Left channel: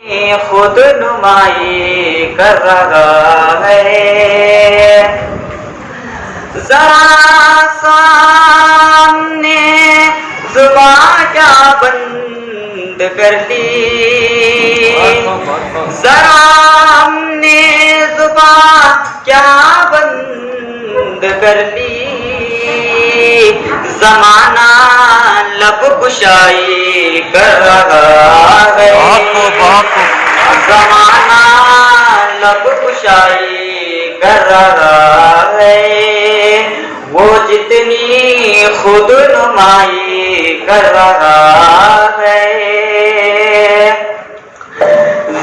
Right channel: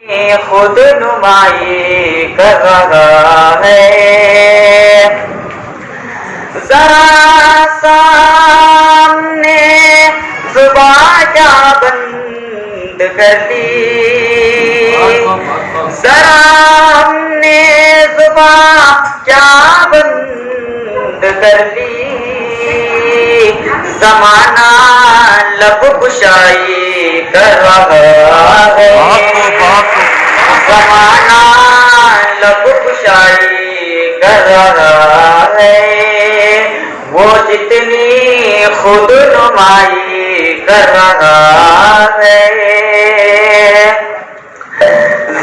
खुद नुमाई कर रहा है। जरा सामने जुबान क्या बंद कर दी, जरा हमने जुबान क्या बंद कर दी। जमाना लब कुशाई कर रहा है, जमाना लब कुशाई कर रहा है। वो जितनी खुद नुमाई कर रहा है।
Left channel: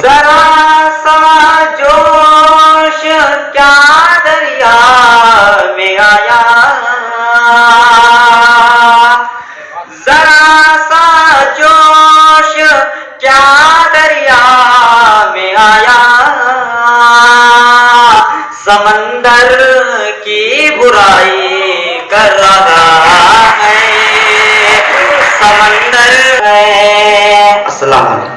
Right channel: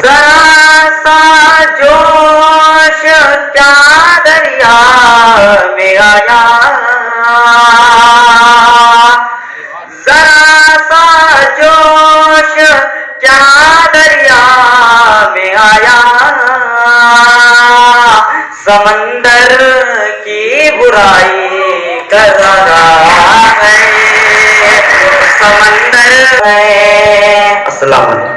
जरा सा जोश क्या दरिया में आया, जरा सा जोश क्या दरिया में आया। समंदर की बुराई कर रहा है, समंदर है। अस्सलाम वालेकुम।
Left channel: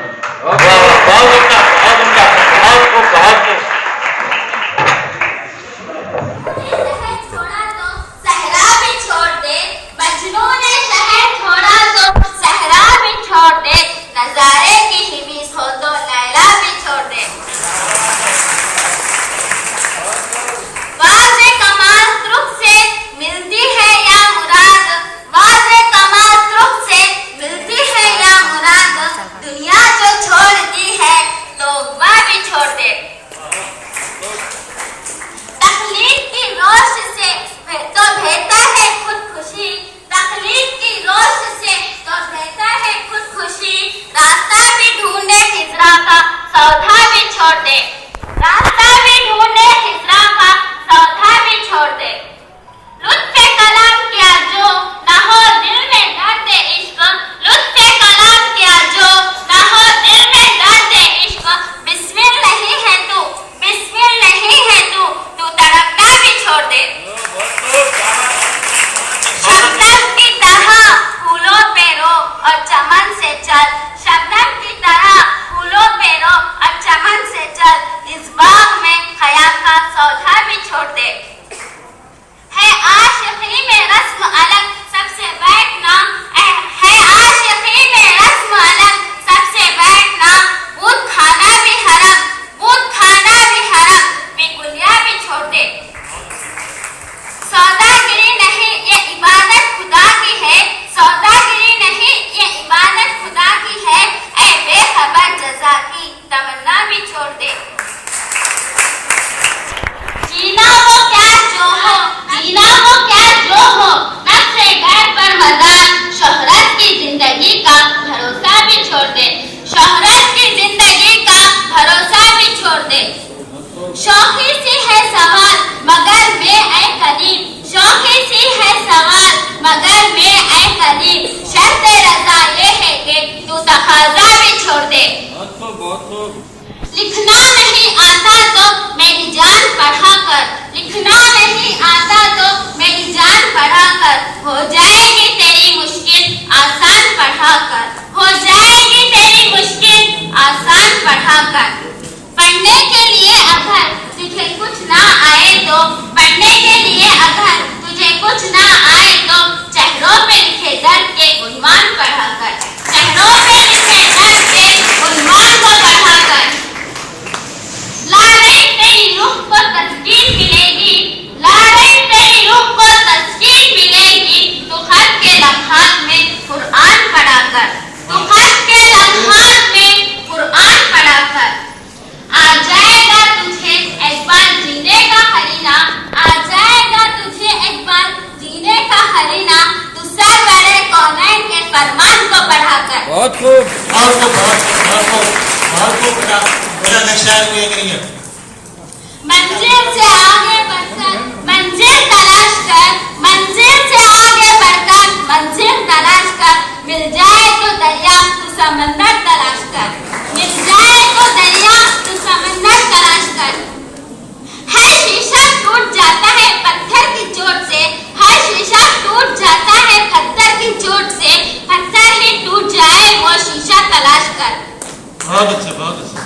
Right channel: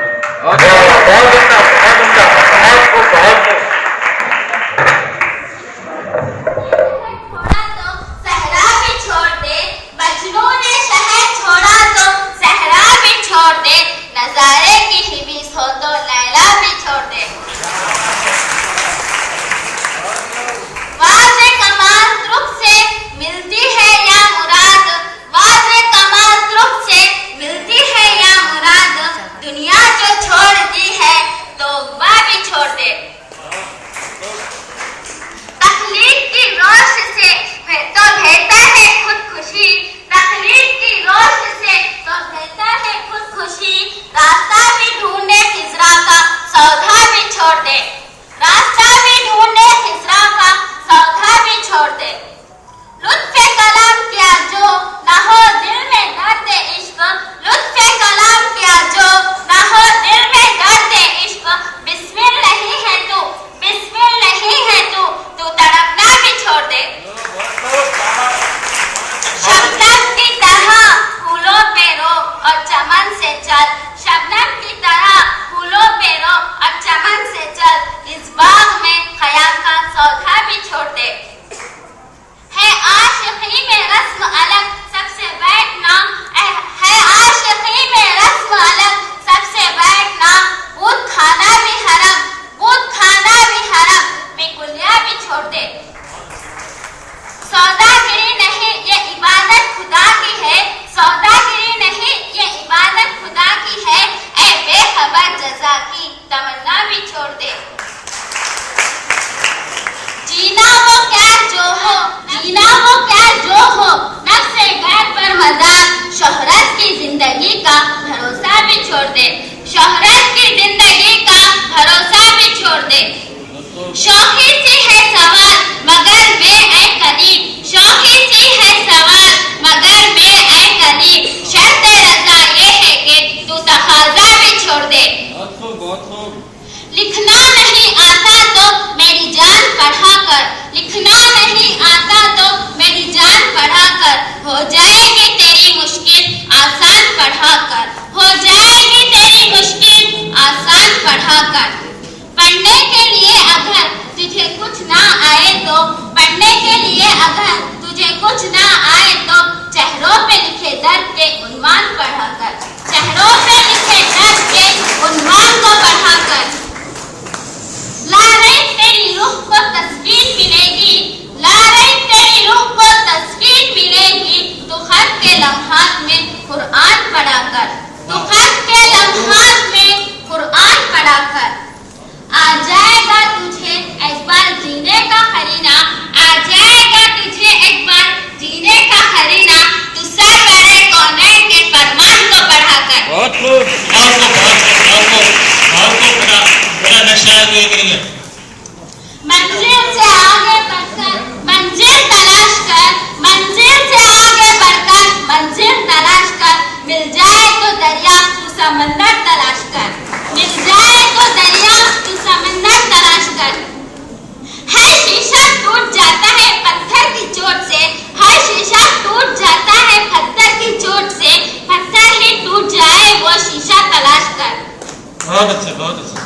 शौकी सी है सवाल मगर मैं ऐ करीब, शौकी सी है सवाल मगर मैं ऐ करीब। शर्त रजा ये है कि तू तकाजा भी छोड़ दे। लिखना नहीं आता तो मेरी जान पढ़ा कर, लिखना नहीं आता तो मेरी जान पढ़ा कर। हो जाएगी तेरी मुश्किल आसान पढ़ा कर, हो जाएगी तेरी मुश्किल आसान पढ़ा कर। पढ़ने के लिए अगर तुझे कुछ ना आए तो, पढ़ने के लिए अगर तुझे कुछ ना आए तो चेहरों पे लिखे दर्द के उन्वान पढ़ा कर, चेहरों पे लिखे दर्द के उन्वान को पढ़ा कर। ला रही तेरी रूह को तस्कीन मिलेगी, ला रही तेरी रूह को तस्कीन मिलेगी। तो खत के लम्हात में कुरान पढ़ा कर, तो खत के लम्हात में कुरान पढ़ा कर। आ जाएगा तुझे एक बार जीने का हरीना, आ जाएगा तुझे एक बार जीने का हरीना। तू सरवरे कौनैन के फरमान को पढ़ा कर। बहुत लोग बड़ा नक्शा है वो करेंगे। मंजिल से आगे बढ़कर मंजिल तलाश कर, मंजिल से आगे बढ़कर मंजिल तलाश कर। मिल जाए तो दरिया तू समंदर तलाश कर, मिल जाए तो दरिया तू समंदर तलाश कर। हर शीशा टूट जाता है पत्थर की चोट से, हर शीशा टूट जाता है पत्थर की चोट से। पत्थर ही टूट जाए वो शीशा तलाश कर। बहुत अच्छा, बहुत अच्छा।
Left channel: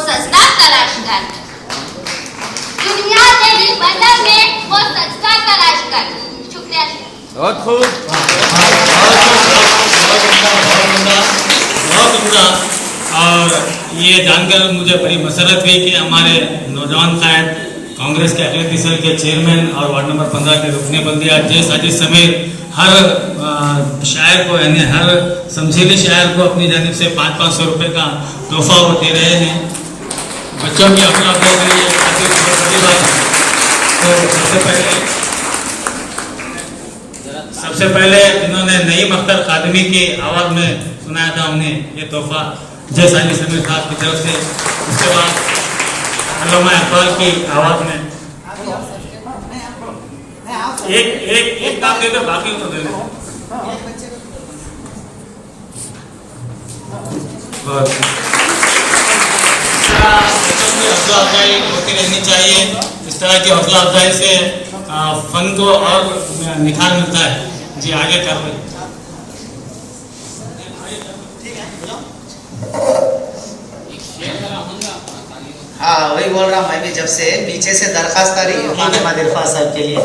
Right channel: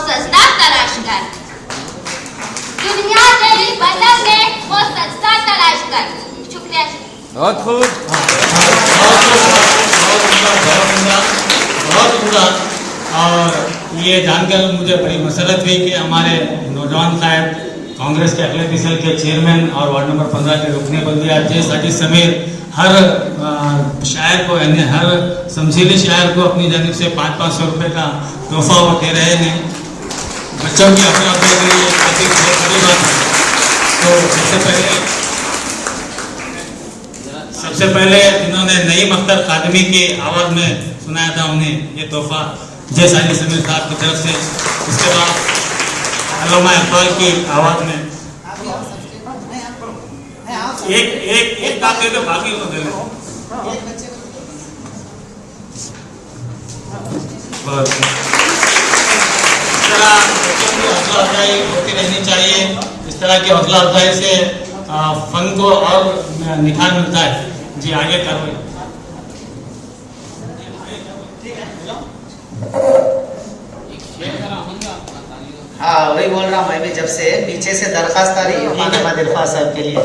सजदा तलाश कर। दुनिया तेरी बदल में वो सजदा तलाश कर। शुक्रिया। बहुत खूब, बहुत उम्दा। और ये जानकर मुझे बड़ी मसरत हुई कि हमारे नौजवान कायद कांग्रेस के अखिलेश सेल के चेयरमैन और वार्ड नंबर 15 के रुकने बल्दिया साजिद समेत हर शायर को यानी हर समझीले शायर को अपनी जानिब से 500-500 रुपये का तोहफा वो दे रहे हैं बच्चों की अपना के लिए काफ़ी बहुत बड़ी बात है। तो सबसे पहले उन्होंने नई मख्तर खादमी की आवाज़ में सुनाया था उन्हें ये तोहफा जय साजिद समीर साहब की तरफ से। उसके बाद अल्लामा इकबाल की आवाज़ में एक बात के बाकी हो गए। हौसला अफजाई होती रहनी चाहिए। इस तरह की हौसला अफजाई से फन को और निखार मिलता है। जी आगे कर रहे। हाँ वही बोल रहा हूँ मैं भी जब से पीछे से दरखास्त आ रही है मदिरफा साहब के लिए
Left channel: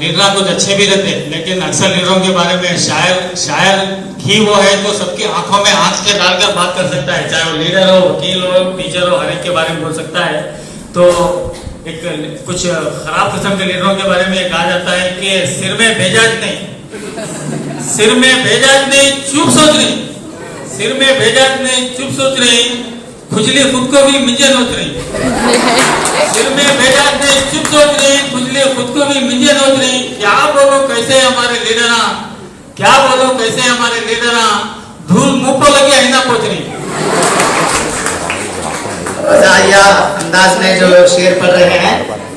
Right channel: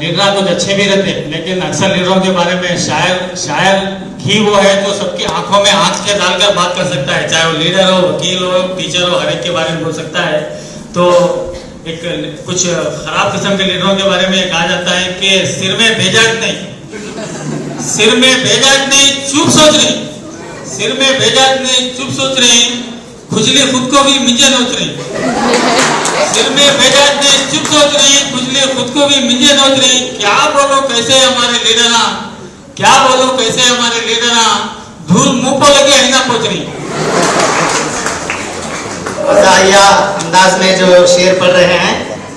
लीडर कुछ अच्छे भी रहते लेकिन अक्सर लीडरों के बारे में शायर ही वो है तो सबकी आंखों में आंख के डालकर बात कर सकता है, चाहे वो लीडर हो, वकील हो, टीचर हो, हर एक के बारे में बोल सकता है। तो एक कुछ खराब किस्म के लीडरों के बारे में कहा जाता है कि सिर में भेजाज नहीं, सिर में भेजाज नहीं चुप सोच रही, सिर में भेजाज नहीं चुप सोच रही, खुजली खुद को भी मिंजे नोच रही, सिर में भेजाज नहीं चुप सोच रही, खुजली खुद को भी मिंजे नोच रही। क्या बोलो कैसे हमारे लीडर, क्या बोलो कैसे हमारे लीडर, धूल मुंह पर लगे ऐसा पहुंच रही। अंदाज में जो शेर पढ़ रहे हैं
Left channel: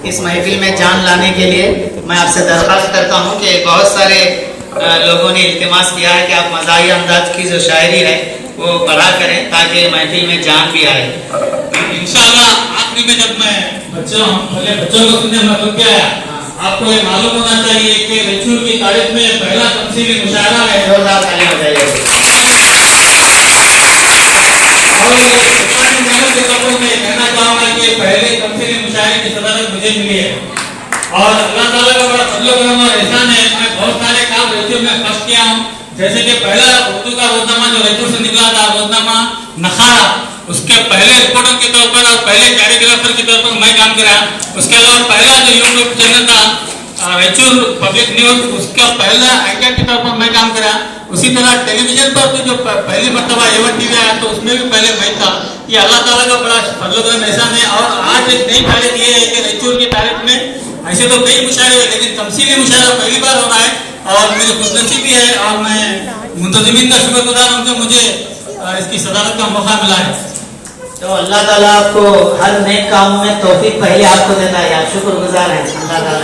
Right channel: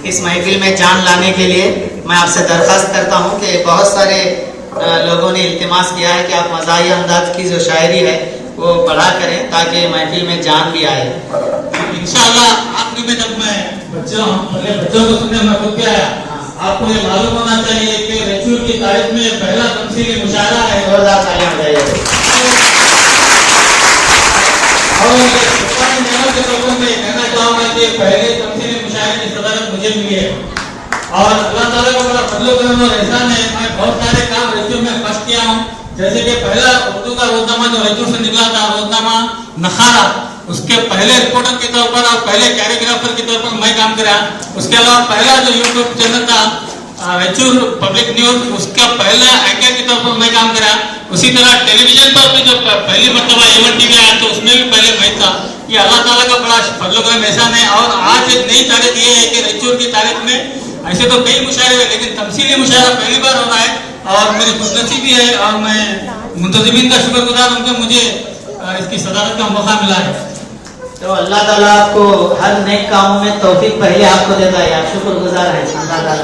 इस महफिल में जान लाने के लिए मैं आपसे दरखास्त करता हूं कि बहुत सारे लोगों ने इल्तिमास किया है कि आप मज़ाहिया अंदाज की जो शायरी है वो पढ़ा करें ताकि महफिल में जान भी आए। इंशाअल्लाह आखिरी में जब मैं बच्चों को सुनने में खुद गया, आपको ये मालूम होना चाहिए कि रेचूर की तारीख में पहला तमसीली मुशायरा है। कहना चाहूंगा कि पहले तमसीली मुशायरे की सदारत मुझे मिली है और अल्लाह ताला का बड़ा फजल व करम और एहसान है। मैं बहुत सारे काम रेचूर में फर्स्ट किया हूँ, जैसे कि पहला उर्दू का रोजनामा जो रेचूर से निकला था, रोजनामा नखारा, उसके पहले रिपोर्टर के तौर पर और पहले कैरिग्राफर के तौर पर मैं काम करा। उसके अलावा पहला जो यूट्यूब चैनल था रेचूर पब्लिक न्यूज, उसका पहला एंकर के तौर पर मैं काम करा। उसी तरह टेलीविजन पर भी जो पहली मरतबा एवन टीवी आया तो उसमें भी पहले मैं था। ये अल्लाह ताला का बड़ा फजल व करम एहसान है। और आज एक नई तारीख ये है कि रेचूर की तारीख में ऐसे तो कई मुशायरे हैं लेकिन तमसीली मुशायरा पहली बार हो रहा है और मेरी खुशनसीबी है और मैं मुंतजिमीन का शुक्रगुजार हूँ कि मुझे इसकी सदारत का मौका मिला है। तो अल्लाह ताला आपको हर नेक काम में तौफीक पहले आपको देता है, आप शुक्रगुजार हैं अल्लाह ताला।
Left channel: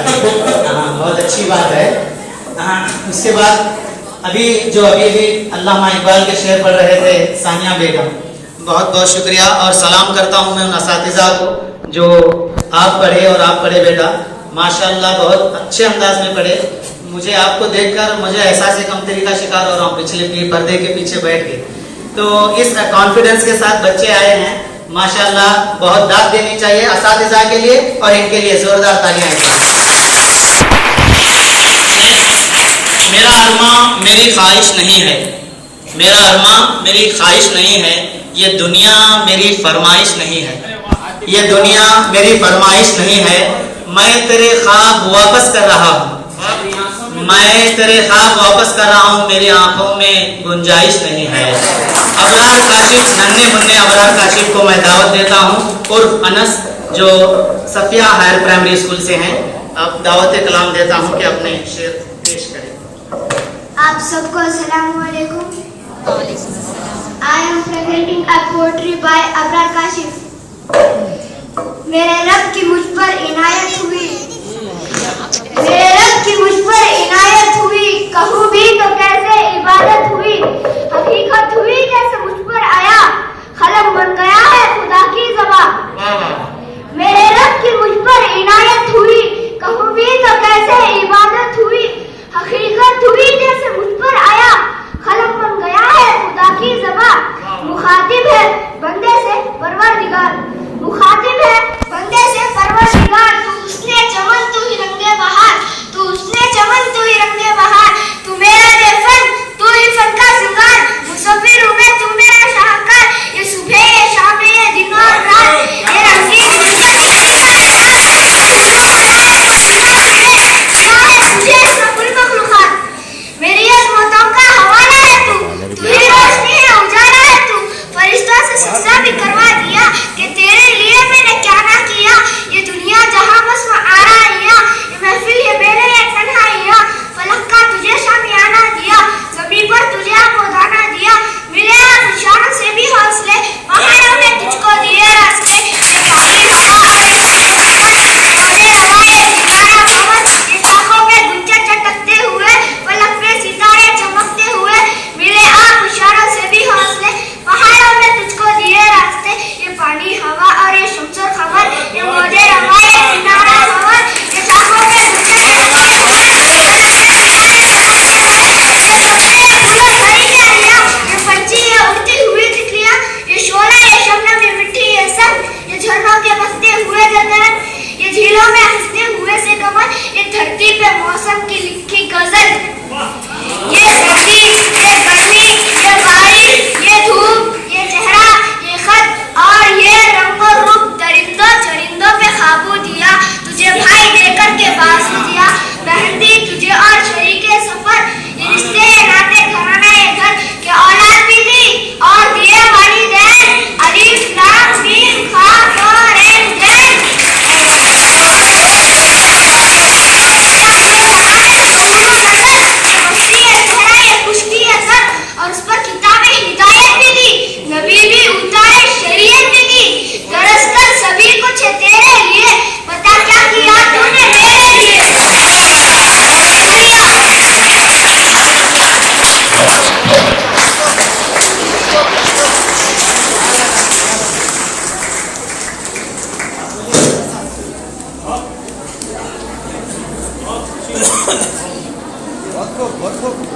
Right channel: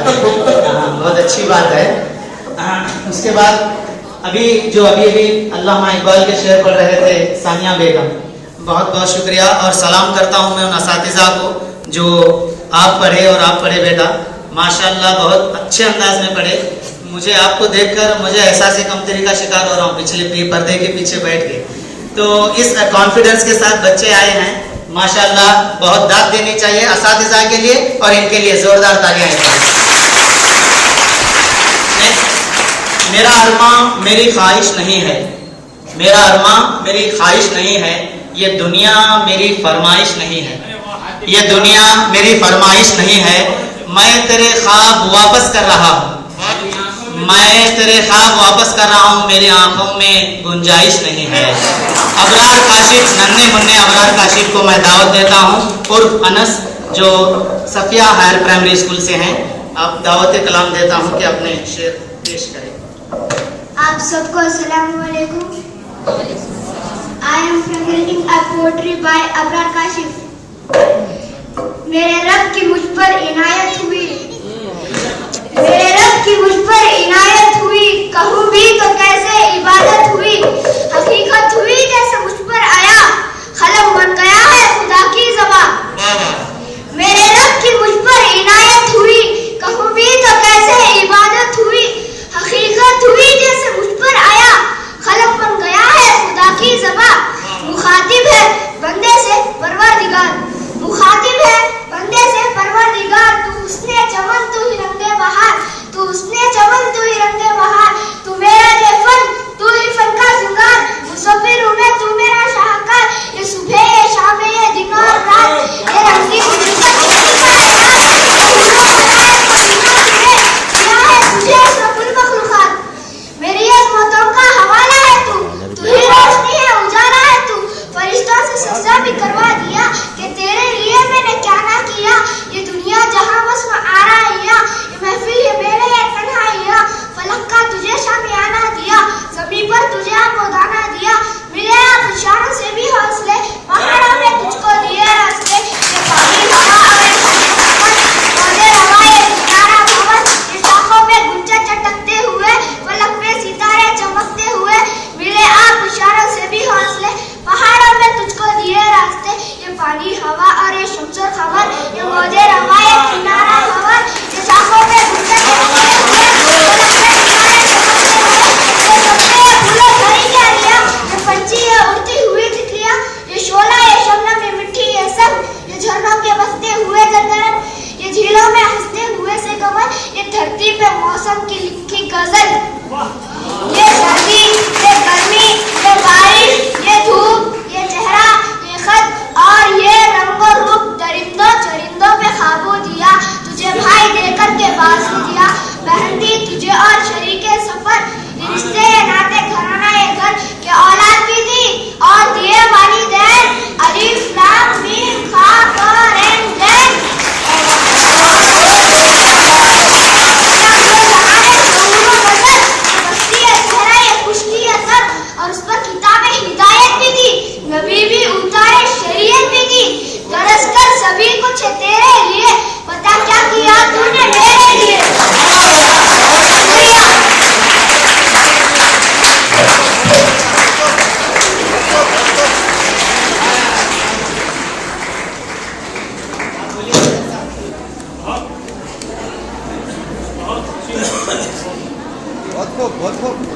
बहुत अच्छी बात है। उसके बाद अभी अल्लामा इकबाल के शेर पढ़ रहे थे सानिया बेगम, बहुत बहुत शुक्रिया और सलाम करता हूँ मैं उन असातिज़ा को जो आप पढ़े और आप पढ़े बेटा, माशाअल्लाह बहुत अच्छे अंदाज में पढ़े। मुझे आपको देखकर मुझे एहसास कमतरी का शिकार हो रहा हूँ पिछले पर्दे के पीछे बैठ के। तो इस कॉन्फिडेंस के साथ बच्चे आए हैं, माशाअल्लाह बहुत दाद देनी चाहिए असातिज़ा के लिए और इनके लिए जोरदार तालियां। मेरा अरमा मेरी ख्वाहिश नहीं है, मेरा अरमा मेरी ख्वाहिश नहीं है, ये दुनिया मेरी फरमाइश नहीं है, ये दुनिया मेरी फरमाइश नहीं है। मैं तेरे ख्वाब वापस कर रहा हूँ, मैं तेरे ख्वाब वापस कर रहा हूँ, मेरी आंखों में गुंजाइश नहीं है। अबरार काशिफ, नन्हे मुन्ने अबरार काशिफ को मैं दावत देता हूँ उर्फ अनस जो सफिया हायर प्राइमरी स्कूल से हैं। आप दावत कलाम देता हूँ कि अपने शेर पेश करें। आप सबको अस्सलाम वालेकुम। I am presenting a poetry by Abrar Kashif. मेरे रब की मुझ पर इनायत हुई, मेरे रब की मुझ पर इनायत हुई, कहूँ भी तो कैसे इबादत हुई, हकीकत हुई जैसे मुझ पर आया, कलम बन गया है खुदा की ज़बान। मेरे रब की मुझ पर इनायत हुई, कहूँ भी तो कैसे इबादत हुई, हकीकत हुई जैसे मुझ पर आया, कलम बन गया है खुदा की ज़बान। मुखातिब है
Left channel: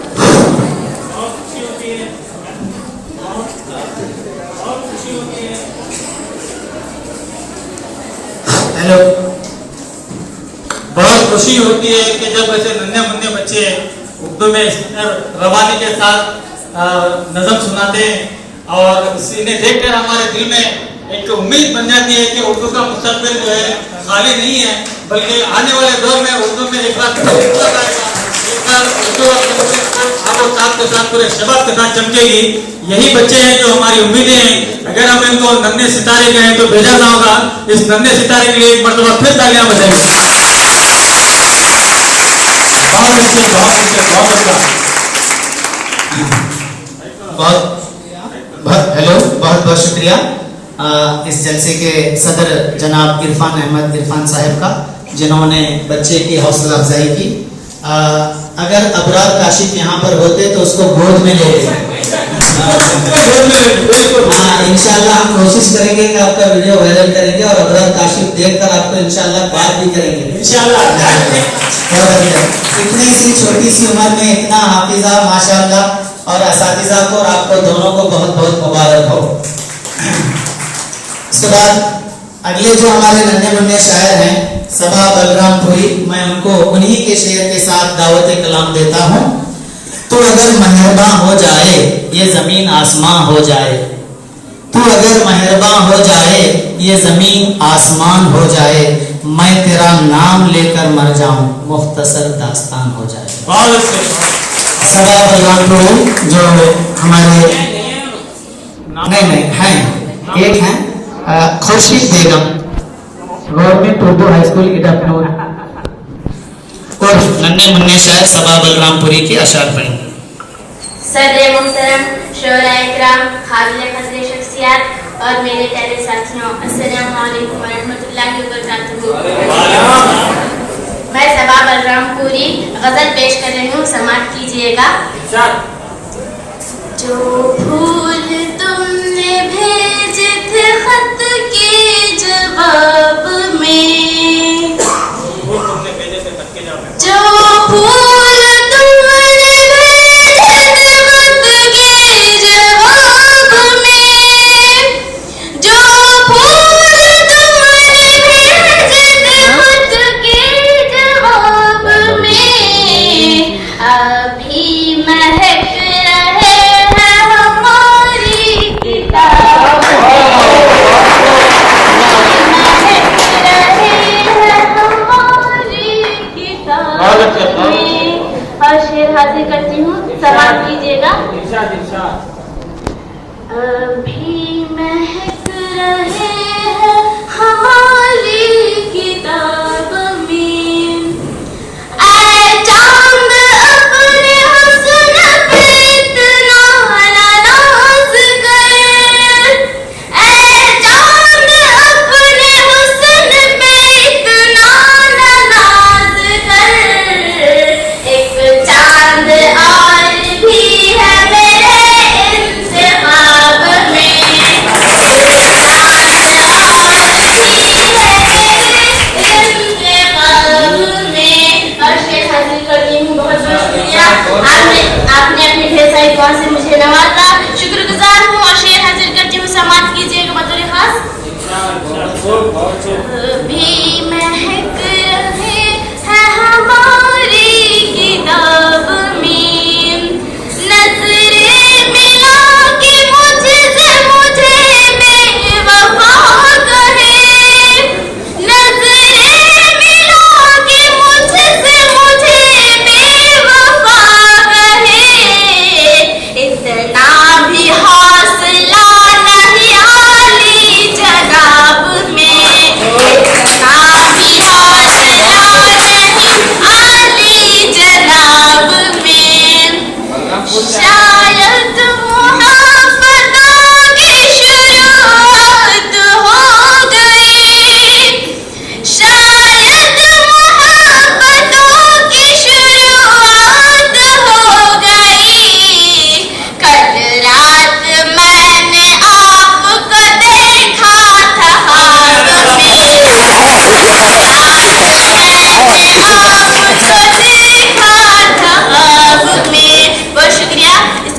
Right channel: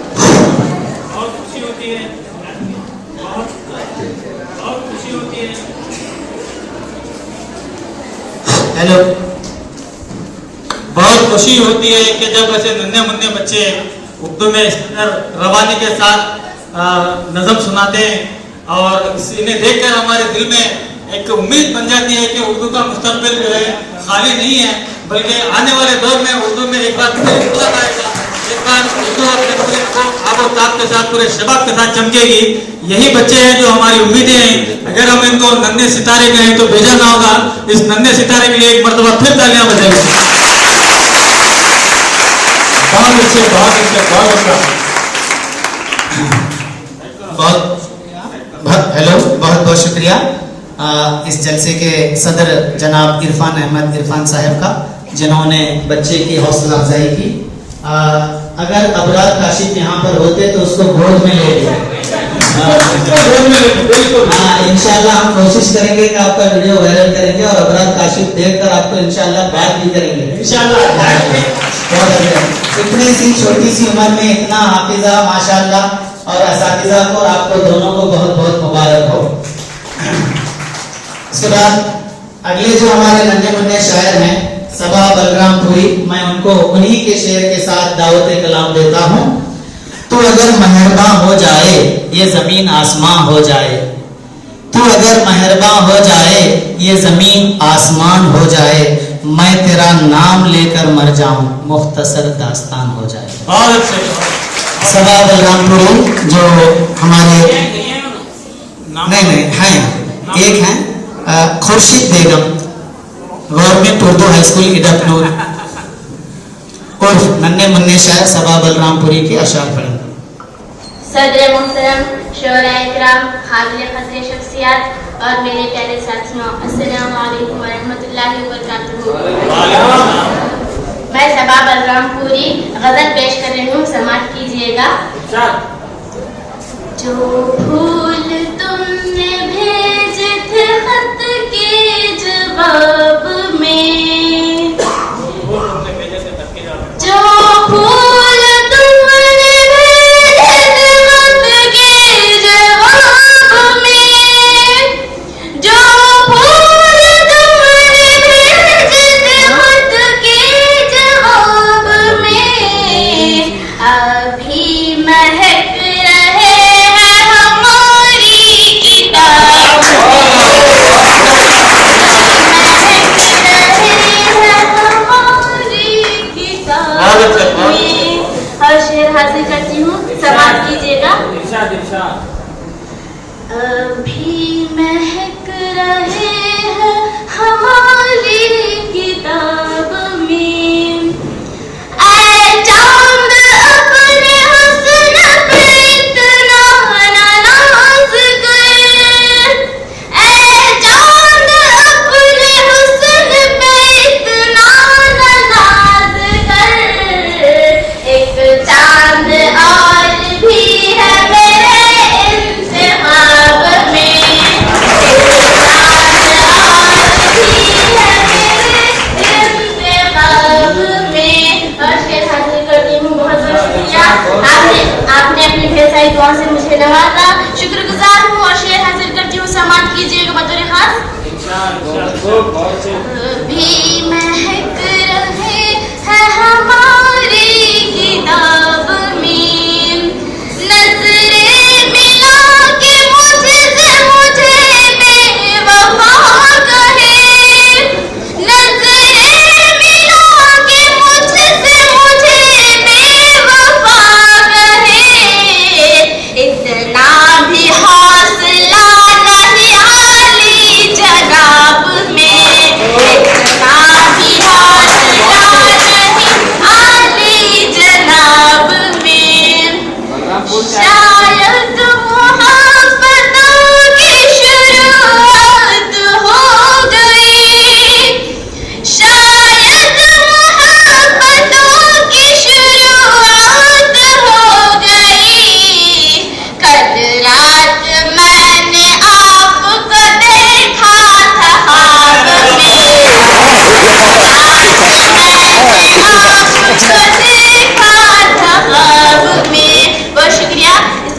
बहुत खुशी होती है, बहुत खुशी होती है। हेलो। बहुत खुशी होती है कि जब ऐसे नन्हे मुन्ने बच्चे उर्दू में इस रवानी के साथ नज़म सुनाते हैं और इन्हें देखकर हमारे दिल में एक उम्मीद बन जाती है कि उर्दू का मुस्तकबिल जो है खाली नहीं है, बल्कि आने वाले दौर में उर्दू में एक बार उर्दू आपको चाक के साथ पूरे शबाब के साथ चमकेगी। यही बच्चे हैं जो हमारी उम्मीदें हैं। अगर हम इनको नन्हे सितारे जो हैं तो भेजा ना होगा, इस नन्हे सितारे के लिए एक मरतबा फिर तालियां बजाएंगे। बहुत अच्छे, बहुत अच्छे, बहुत अच्छा। हेलो, बहुत बहुत शुक्रिया इस जलसे के सदर जनाब इरफान अहमद इरफान साहब का, जिन्होंने बच्चे की हौसला अफजाई की। अगर अबरार काशिफ यहाँ पर होते तो उसको गोद में ले लिया। हाँ, इंशाल्लाह हम कोशिश करेंगे कि आपका वीडियो वायरल करेंगे और अबरार काशिफ देखकर आपको इंशाल्लाह बात भी करेंगे इंशाल्लाह। इतनी सी छोटी सी उम्र में इतना हाफिजा माशाल्लाह, और असातिज़ा को और आपको दोनों को बहुत बहुत मुबारक हो। इसके बाद अगले जो हमारे नन्हे मुन्ने शायर हैं सबा बलरामपुरी, मैं उनको उन्हीं के शेर के साथ दावत कलाम देता हूँ। तू अगर मेहरबान हो जाए ये जमीन आसमां हो जाए, तू अगर मेहरबान हो जाए ये जमीन आसमान हो जाए, मैं तेरा नाम लेकर मर जाऊं मुख्तसर दास्तान हो जाए। सबा बलरामपुरी जो हमारे नहीं हैं, एक हैं खुर्शीद बेगम, गवर्नमेंट उर्दू हाई स्कूल इधर और नन्हे मुन्ने शायर सबा बलरामपुरी के अशार पढ़ेंगे। सदर मोहतरम, शोरा इकराम, हाज़िर हज़रत शख्सियात और मेरे प्यारे साथियों, अस्सलाम वालेकुम व रहमतुल्लाहि व बरकातुहू। मैं सबा बलरामपुरी गजल पेश कर रही हूँ, समाअत कीजिएगा। जो फूल तुमने भेजे थे खत के जवाब में, जो फूल तुमने भेजे थे खत के जवाब में, जो फूल तुमने भेजे थे खत के जवाब में, अभी महक रहे हैं हमारी किताब में, और शेर हासिल करती हूँ, समाअत कीजिएगा। अभी महक रहे हैं हमारी किताब में, ऐ चांद अपने हुस्न पे इतना नाज कर, ऐ चांद अपने हुस्न पे इतना नाज कर, एक चांद और भी है मेरे इंतखाब में, एक चांद और भी है मेरे इंतखाब में। और शेर हासिल करती हूँ, बहुत बहुत शुक्रिया। आपने अपनी ढेर सारी दुआ से मुझे नवाजा, शुक्रगुजार हूँ। और शेर हासिल करती हूँ, समाअत कीजिएगा बतौर खास। भी महक रहे हैं हमारी किताब में, नजरें मिला के मुझसे मुझे बेवफा कहे, नजरें मिला के मुझसे मुझे बेवफा कहे, इतना भी हौसला नहीं आली जनाब में, इतना भी हौसला नहीं आली जनाब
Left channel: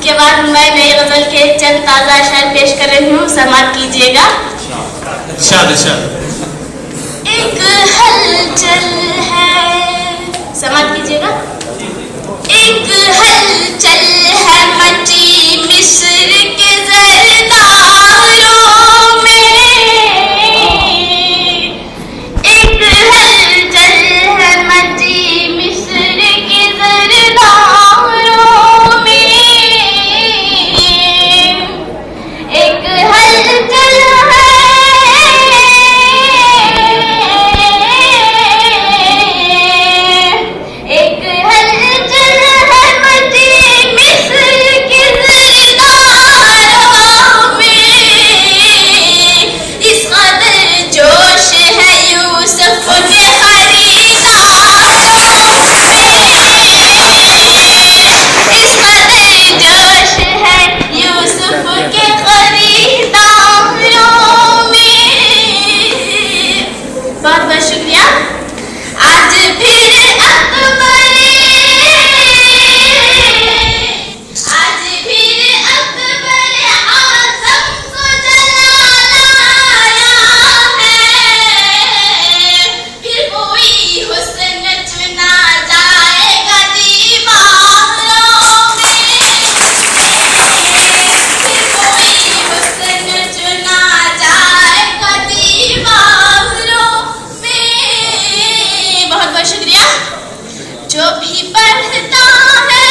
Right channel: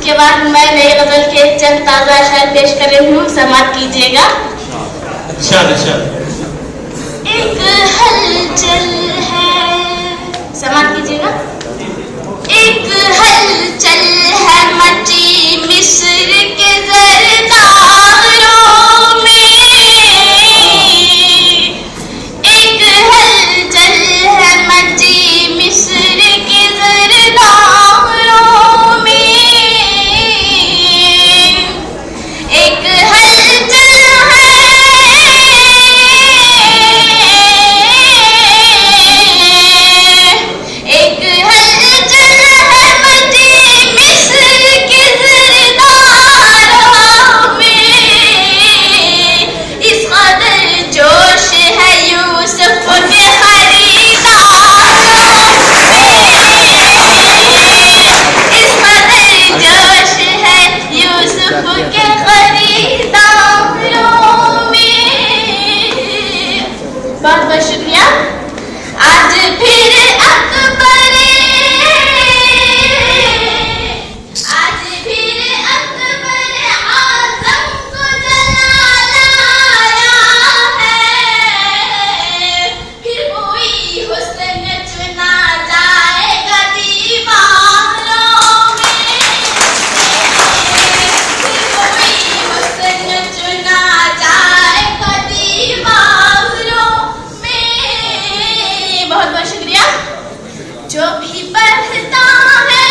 इसके बाद मैं नई गजल के चंद ताजा शेर पेश कर रही हूँ, समाप्त कीजिएगा। एक हलचल है, समाप्त कीजिएगा। एक हलचल है मची मिस्र के जरदारों में, एक हलचल है मची मिस्र के जरदारों में, एक हलचल है, एक हलचल है मची मिस्र के जरदारों में, इस कदर जोश है यूसुफ के खरीदारों में, इस कदर जोश है यूसुफ के खरीदारों में। बहुत बहुत शुक्रिया। आज फिर अकबर, आज फिर अकबर आज़म को जलाया है, फिर कोई हुस्न चुना जाएगा दीवारों में, फिर कोई हुस्न चुना जाएगा दीवारों में। बहुत बहुत शुक्रिया। जो भी पढ़ता है,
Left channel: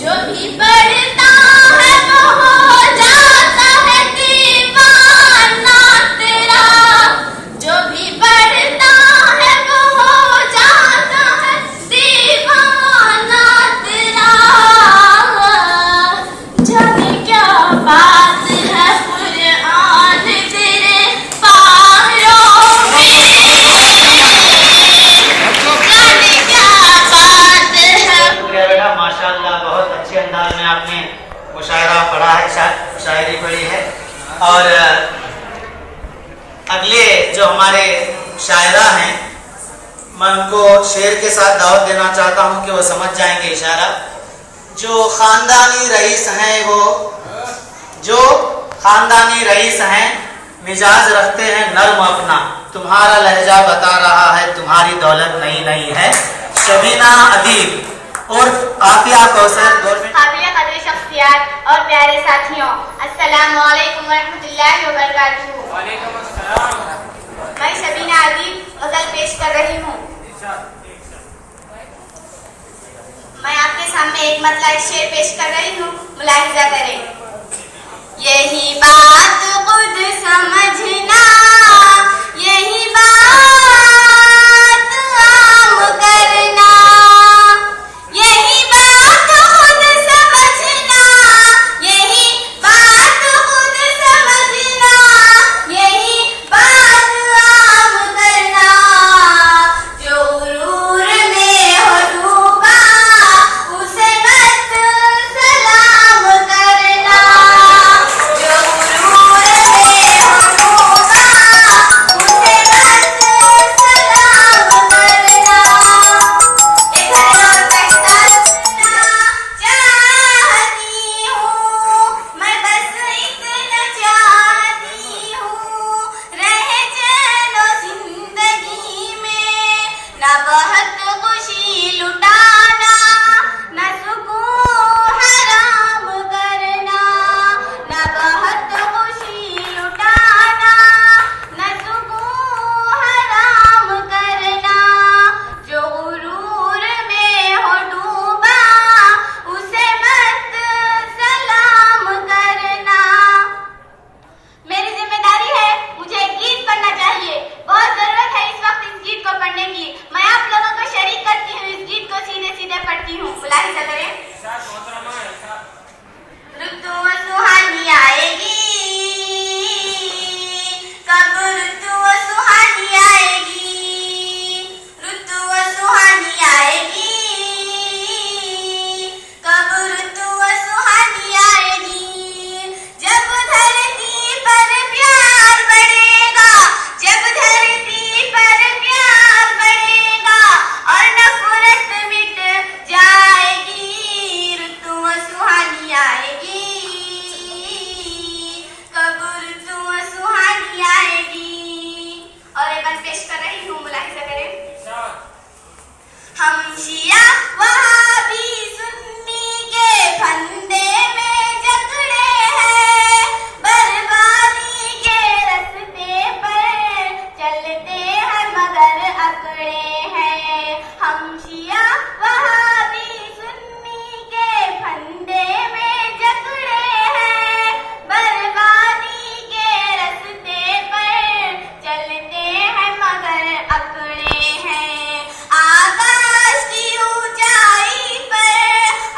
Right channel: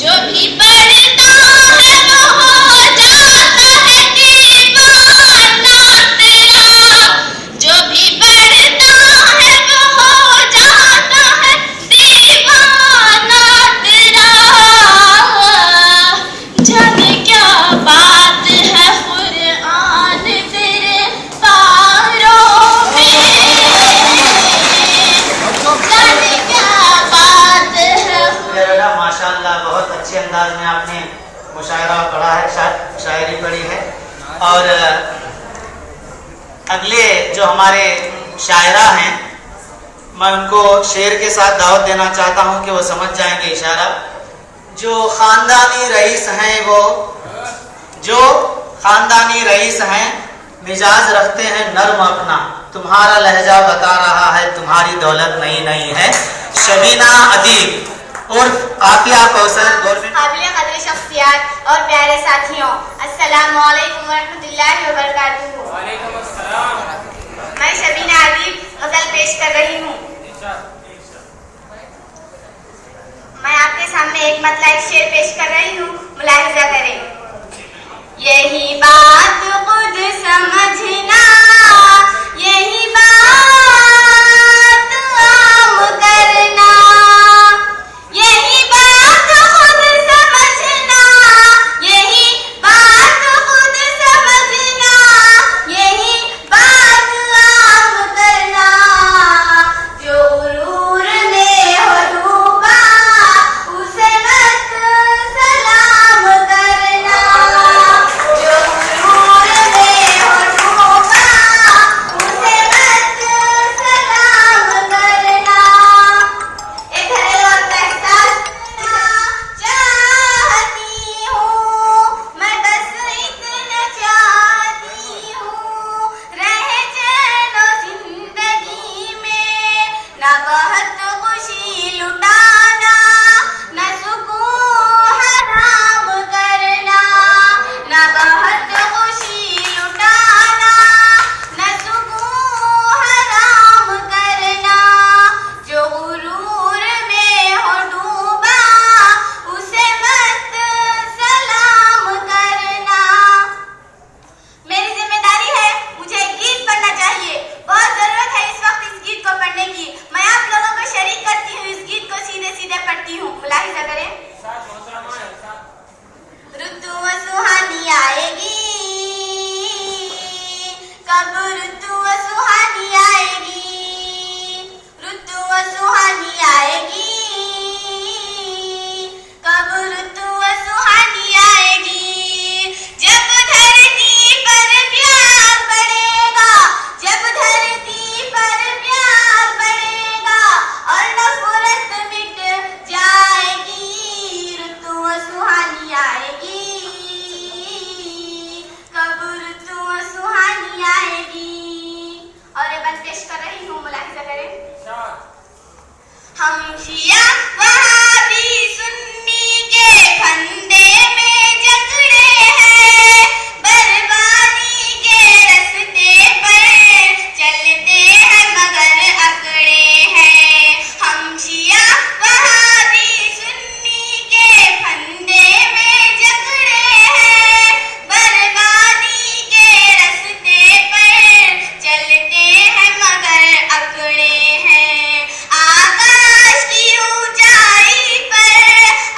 जो भी पढ़ता है वो हो जाता है दीवाना तेरा, जो भी पढ़ता है वो हो जाता है दीवाना तेरा। जाने क्या बात है कुरान तेरे पारों में, जाने क्या बात है। बेटा माशाल्लाह, बहुत अच्छे अंदाज में आपने मुशायरा पढ़ा है, शायरी पढ़ी है। और अगले जो हमारे शायरा हैं, मैं उनको शेर के साथ दावत देना चाहता हूं कि वो समझ जाएंगे इशारा। जो खानदानी रईस हैं, वो जो खानदानी रईस हैं, मिजाज रखते हैं नर्म अपना, तुम्हारा लहजा बता रहा है तुम्हारी दौलत नई नई है। शबीना अदीब और आतिया कौसर, काबिल कदर शख्सियत और प्यारे साथियों, अस्सलामु अलैकुम वरहमतुल्लाहि वबरकातुहू। मैं शबीना अदीब गजल पेश कर रही हूँ। मैं आपके सामने एक मतलब एक शेर पेश कर रही हूँ, मुलाहिजा करें। यही बात खुद समझना, यही बात आम करना, यही बात खुद समझना, यही बात खुद समझना, यही बात आम करना। जो गुरूर में हो डूबा उसे मत सलाम करना, जो गुरूर में हो डूबा उसे मत सलाम करना। एक हर रोज एहसास चाहती हूँ, मैं बस इतना चाहती हूँ, रहे चलो जिंदगी में, ना बहुत खुशी लुटाना, न सुकून हराम करना, ना बहुत खुशी लुटाना, न सुकून हराम करना। जो गुरूर में हो डूबा उसे मत सलाम करना। मेरी जिम्मेदारी है, मुझे एक गीत पढ़ना चाहिए, बहुत जरूरत है इस वक्त इस गीत को पढ़ने की। मैं आप लोगों शिया वहाबी सुन्नी के फंदे में जकड़े हैं, बर्बादी के रास्ते पर चलते हैं मगर अकड़े हैं। हम शिया वहाबी सुन्नी के फंदे में जकड़े हैं, बर्बादी के रास्ते पर चलते हैं मगर अकड़े हैं। आकाश की ऊंचाई पर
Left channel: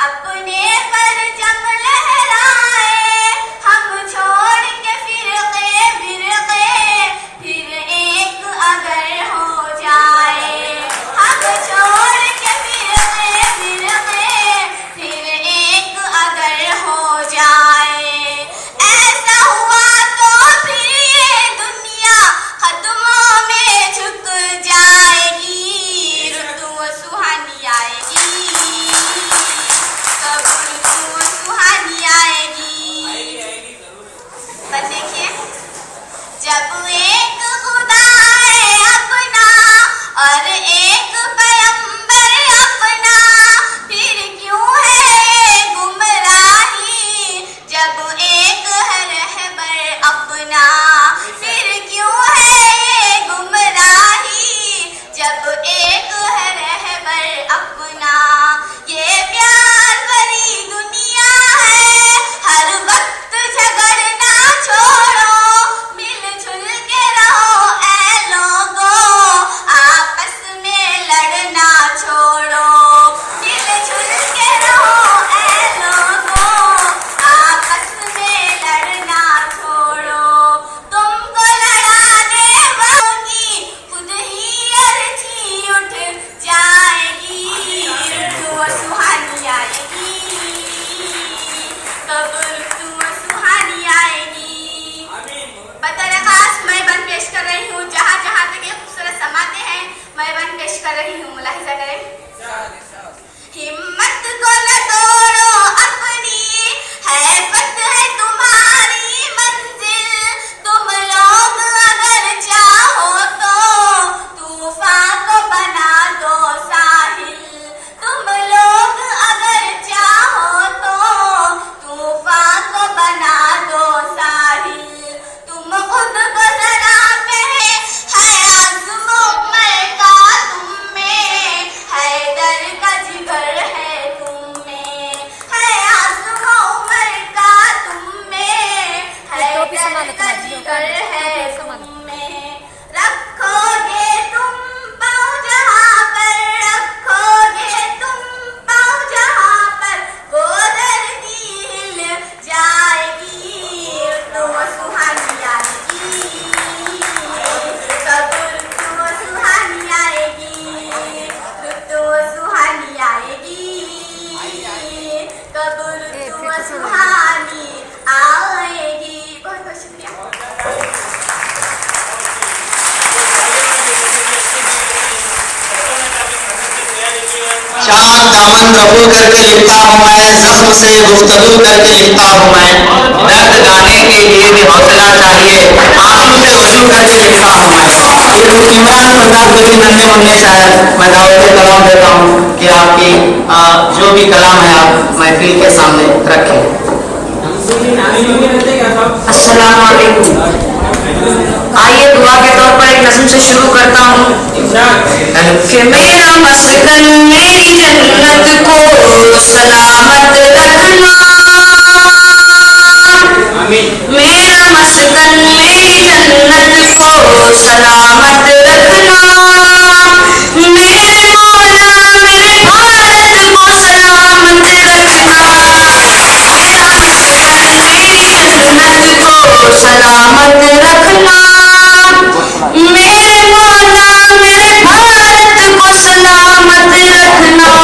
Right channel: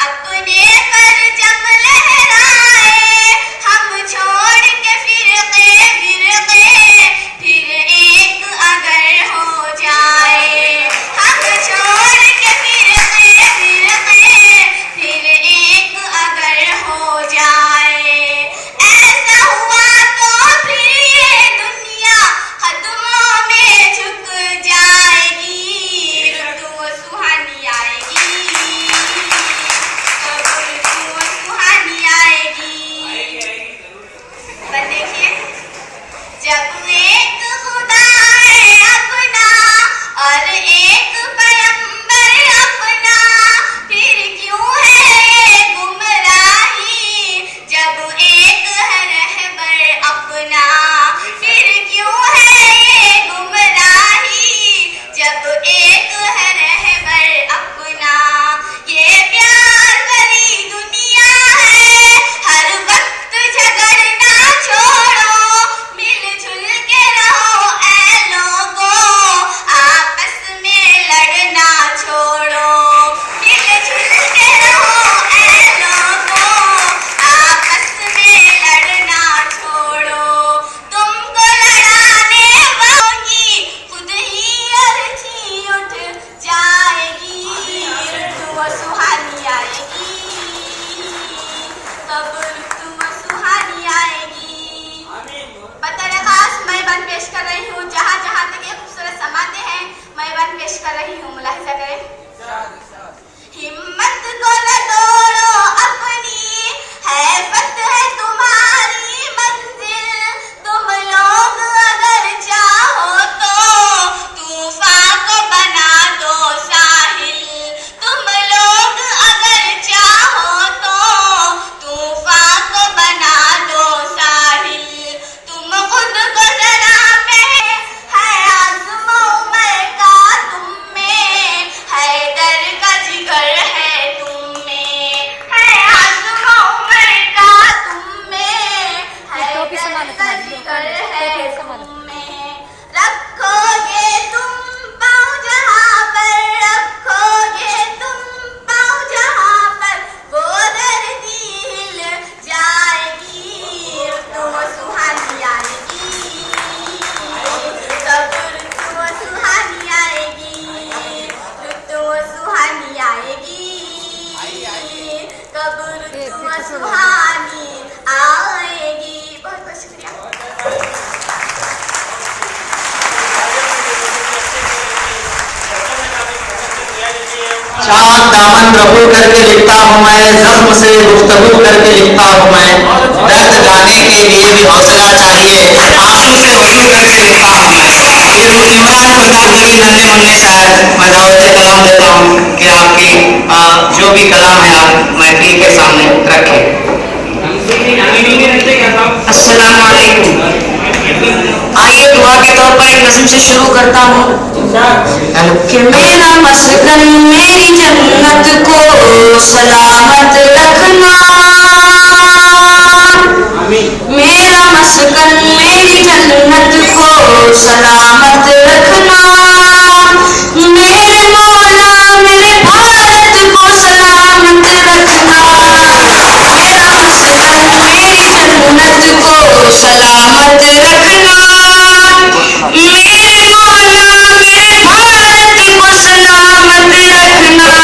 अपने परचम लहराए, हम छोड़ के फिरके फिरके फिर एक अगर हो जाए, हम छोड़ के फिरके फिरके फिर एक अगर हो जाए। ऐसा हुआ तो फिर ये दुनिया कदमों में झुक जाएगी, रुतु सुहानी आएगी, रुतु सुहानी आएगी। पर देखिए, जब एक खुदा है अपना और एक पैगंबर अपना, फिर क्यों है ये गुमराही? जब एक है रहबर अपना, फिर क्यों है ये गुमराही? जब एक है रहबर अपना। ये प्यार भरी दुनिया है, हर वक्त झगड़ना छोड़ो, मिलजुल के रहो ऐ लोगों, आपस में लड़ना छोड़ो, मिलजुल के रहो ऐ लोगों, आपस में लड़ना छोड़ो। तुमको लड़ाने वालों की खुद ही अर्जी उठ जाएगी, ऋतु सुहानी आएगी, कब ऋतु सुहानी आएगी। बतर आकाश मैं बन पेश कर रही हूँ, जहाँ जहाँ तक ये खूबसूरत समाते हैं मैं बन पेश कर रही हूँ। मुलाहिजा करें। हिम्मत को न तोड़ो अपनी, है फतह तुम्हारी मंजिल, तुम लोग अगर चाहो तो तूफान को बना दो साहिल, तुम लोग अगर चाहो तो तूफान को बना दो साहिल। तुम खुद को जरा में है आज़मो उमर का तुम में, हैदर का जिगर है तुम में, है आज़मो उमर का तुम में, हैदर का जिगर है तुम में। रखोगे तुम पाँव जहाँ पर, रखोगे तुम पाँव जहाँ पर, वो धरती हिल जाएगी, ऋतु सुहानी आएगी, कब ऋतु सुहानी आएगी, ऋतु सुहानी आएगी, कब ऋतु सुहानी आएगी। बहुत बहुत शुक्रिया। चांद दामन रफू करके लिखता हूँ मैं, जख्म से गुफ्तगू करके लिखता हूँ मैं, दर्द गाने के लिए भी हौसला चाहिए, आंसू से वजू करके लिखता हूँ मैं। ये रुस्तीमान फरमाते हुए नन्हे मुन्ने शायर मैं दावत कलाम देता हूँ कि आपकी जो भी कलाम है आप महफिल के सामने रखें। अस्सलाम वालेकुम। आइए दुआ के तौर पर एक नज़्म से शुरू करता हूँ कि मेरा मस्कन मेरी जन्नत को सलामत रखना, मेरा मस्कन मेरी जन्नत को सलामत रखना, मेरे मौला मेरे भारत को सलामत रखना, मेरा मस्कन मेरी जन्नत को सलामत रखना, मेरे मौला मेरे भारत को सलामत रखना।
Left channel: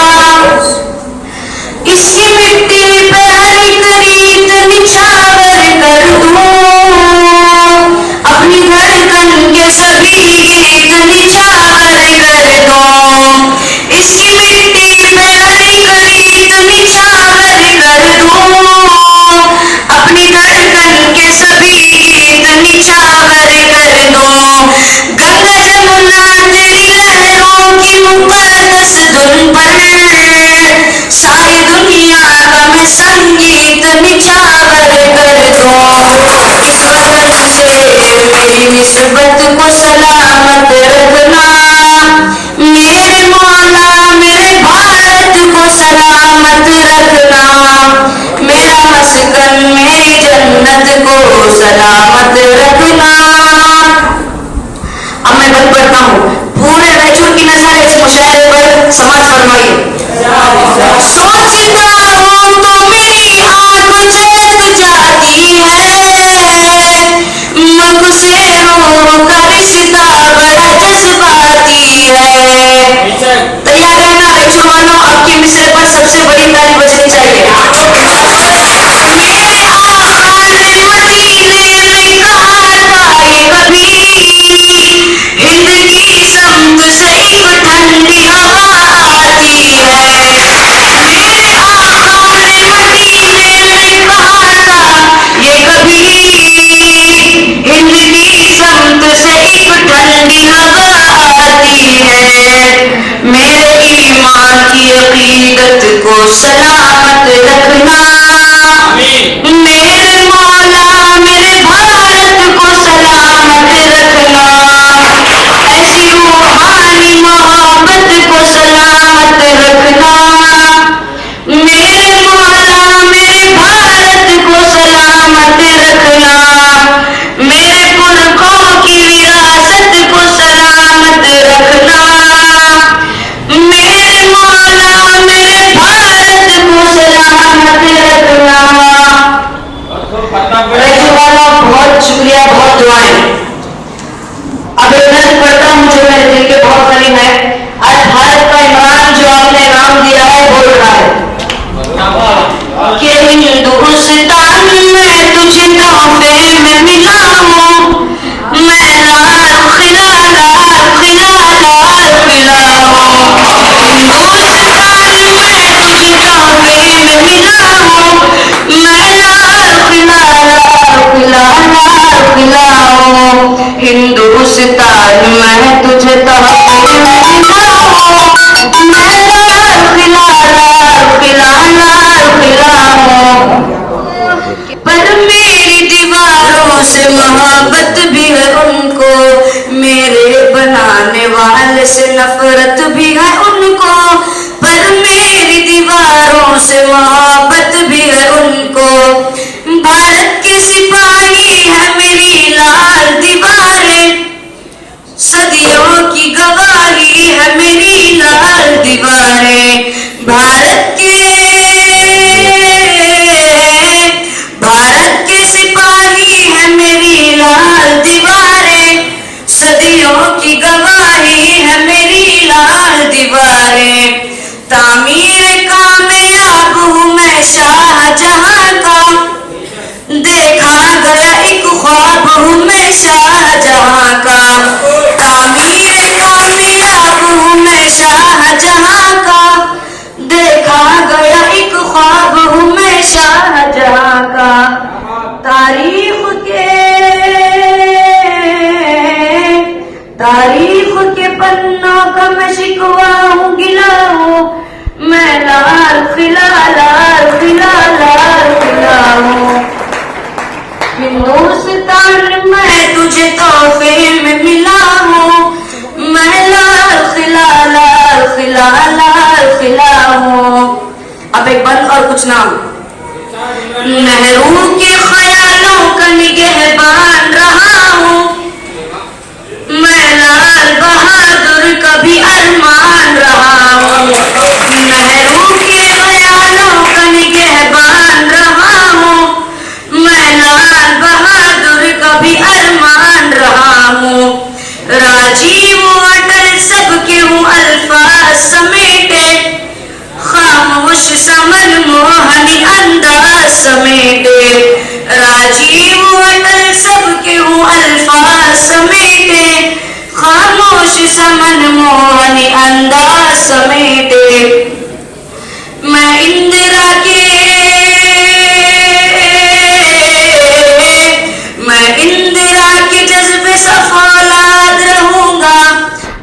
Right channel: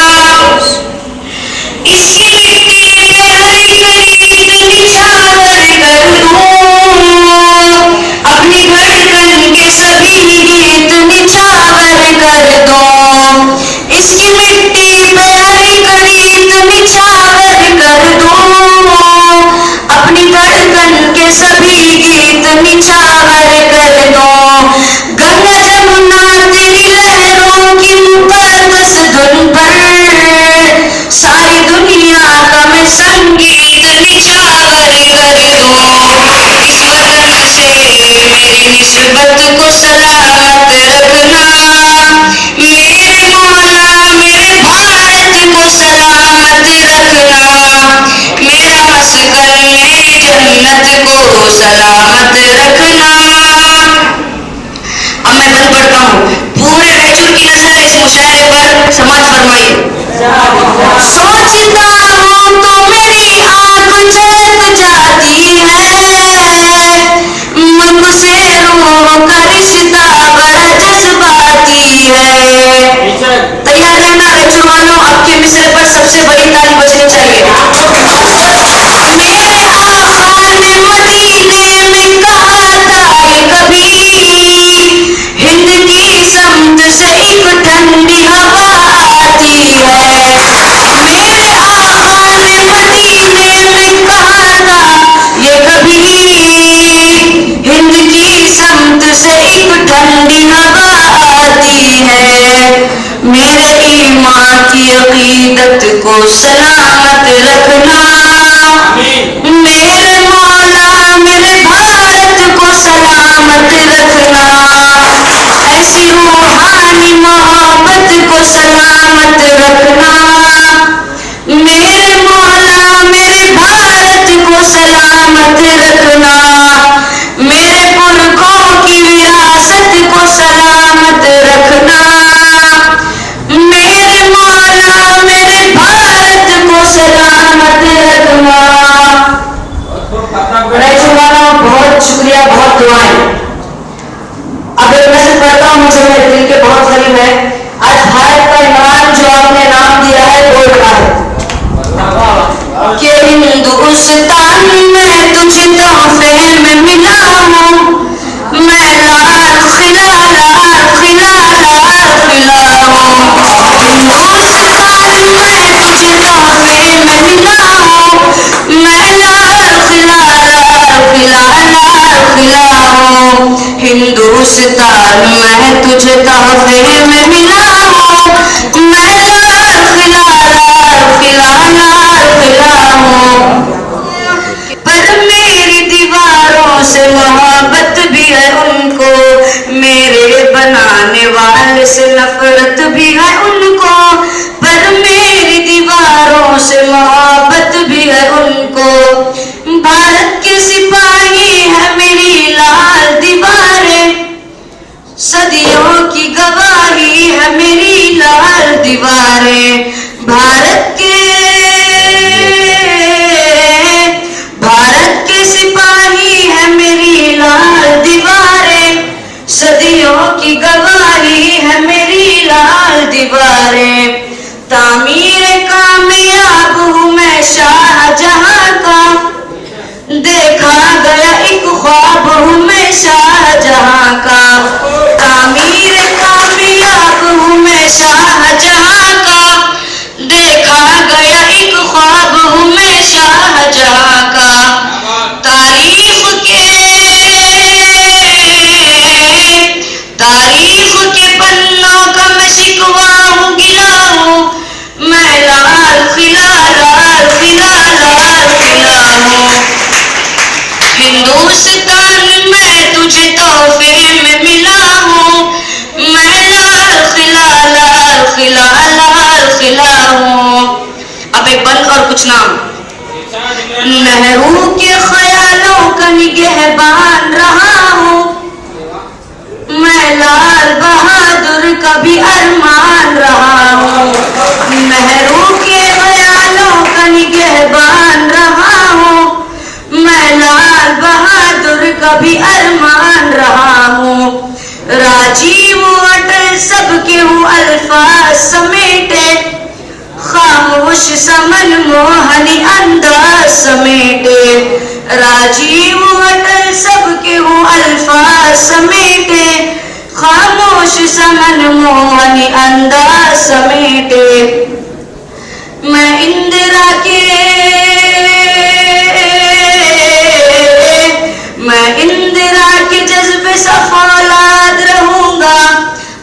इसकी मिट्टी पे हर एक रीत निछावर कर दूं, अपनी धड़कन के सभी गीत निछावर सीरत को सलामत रखना। मेरे मौला मेरे भारत को सलामत रखना। ऐसी रूहानी मोहब्बत को सलामत रखना। मेरे मौला मेरे भारत को सलामत रखना। मेरे पुरखों की विरासत को सलामत रखना। मेरे मौला मेरे भारत को सलामत रखना। बहुत शुक्रिया, बहुत दुआएं। अब एक नज़र पढ़ता हूँ जो मेरे दिल के बहुत करीब है। आज भारत का इमरान जो आपने नाम दिया है बोल रहा है कि हिंदुस्तान में तुझे तोहफे में मिला हूँ। मैं लाल खिला लाल खिला लाल खिला हूँ। हिंदुस्तान में तुझे तोहफे में मिला हूँ। मैं लाल खिला लाल खिला लाल खिला हूँ। हिंदुस्तान में तुझे तोहफे में मिला हूँ। मैं लाल खिला लाल खिला लाल खिला हूँ। पर मेरी दीवारों से मोहब्बत भी है उनको। मेरे बनाने वाले से नफरत भी है उनको। पर मेरी दीवारों से मोहब्बत भी है उनको। भारत के सिपाही है मेरी लाल दीवारें। सदियों की गवाही है मेरी लाल दीवारें। भारत के सिपाही है मेरी लाल दीवारें। सदियों की गवाही है मेरी लाल दीवारें। तामीर कामयाब हूँ मैं शाहजहां का। देखा गया एक ख्वाब हूँ मैं शाहजहां का। तामीर कामयाब हूँ मैं शाहजहां का। देखा गया एक ख्वाब हूँ मैं शाहजहां का। तारीख के पन्नों का मैं शिकवा हूँ गिला हूँ। मैं लाल खिला लाल खिला लाल खिला हूँ। हिंदुस्तान में तुझे तोहफे में मिला हूँ। मैं लाल खिला लाल खिला लाल खिला हूँ। अब एक बंद और कुछ नाम। नेहरू के ख्यालों का निगहबान रहा हूँ। मैं लाल बहादुर का भी अरमान रहा हूँ। नेहरू के ख्यालों का निगहबान रहा हूँ। मैं लाल बहादुर का भी अरमान रहा हूँ। राजीव अटल सबके हूँ अल्फाज समेटे। खामोश समन मोहनी अंदाज समेटे। राजीव अटल सबके हूँ अल्फाज समेटे। खामोश समन मोहनी अंदाज समेटे। मैं इंदिरा के जज्बे सफौलाद रहूंगा।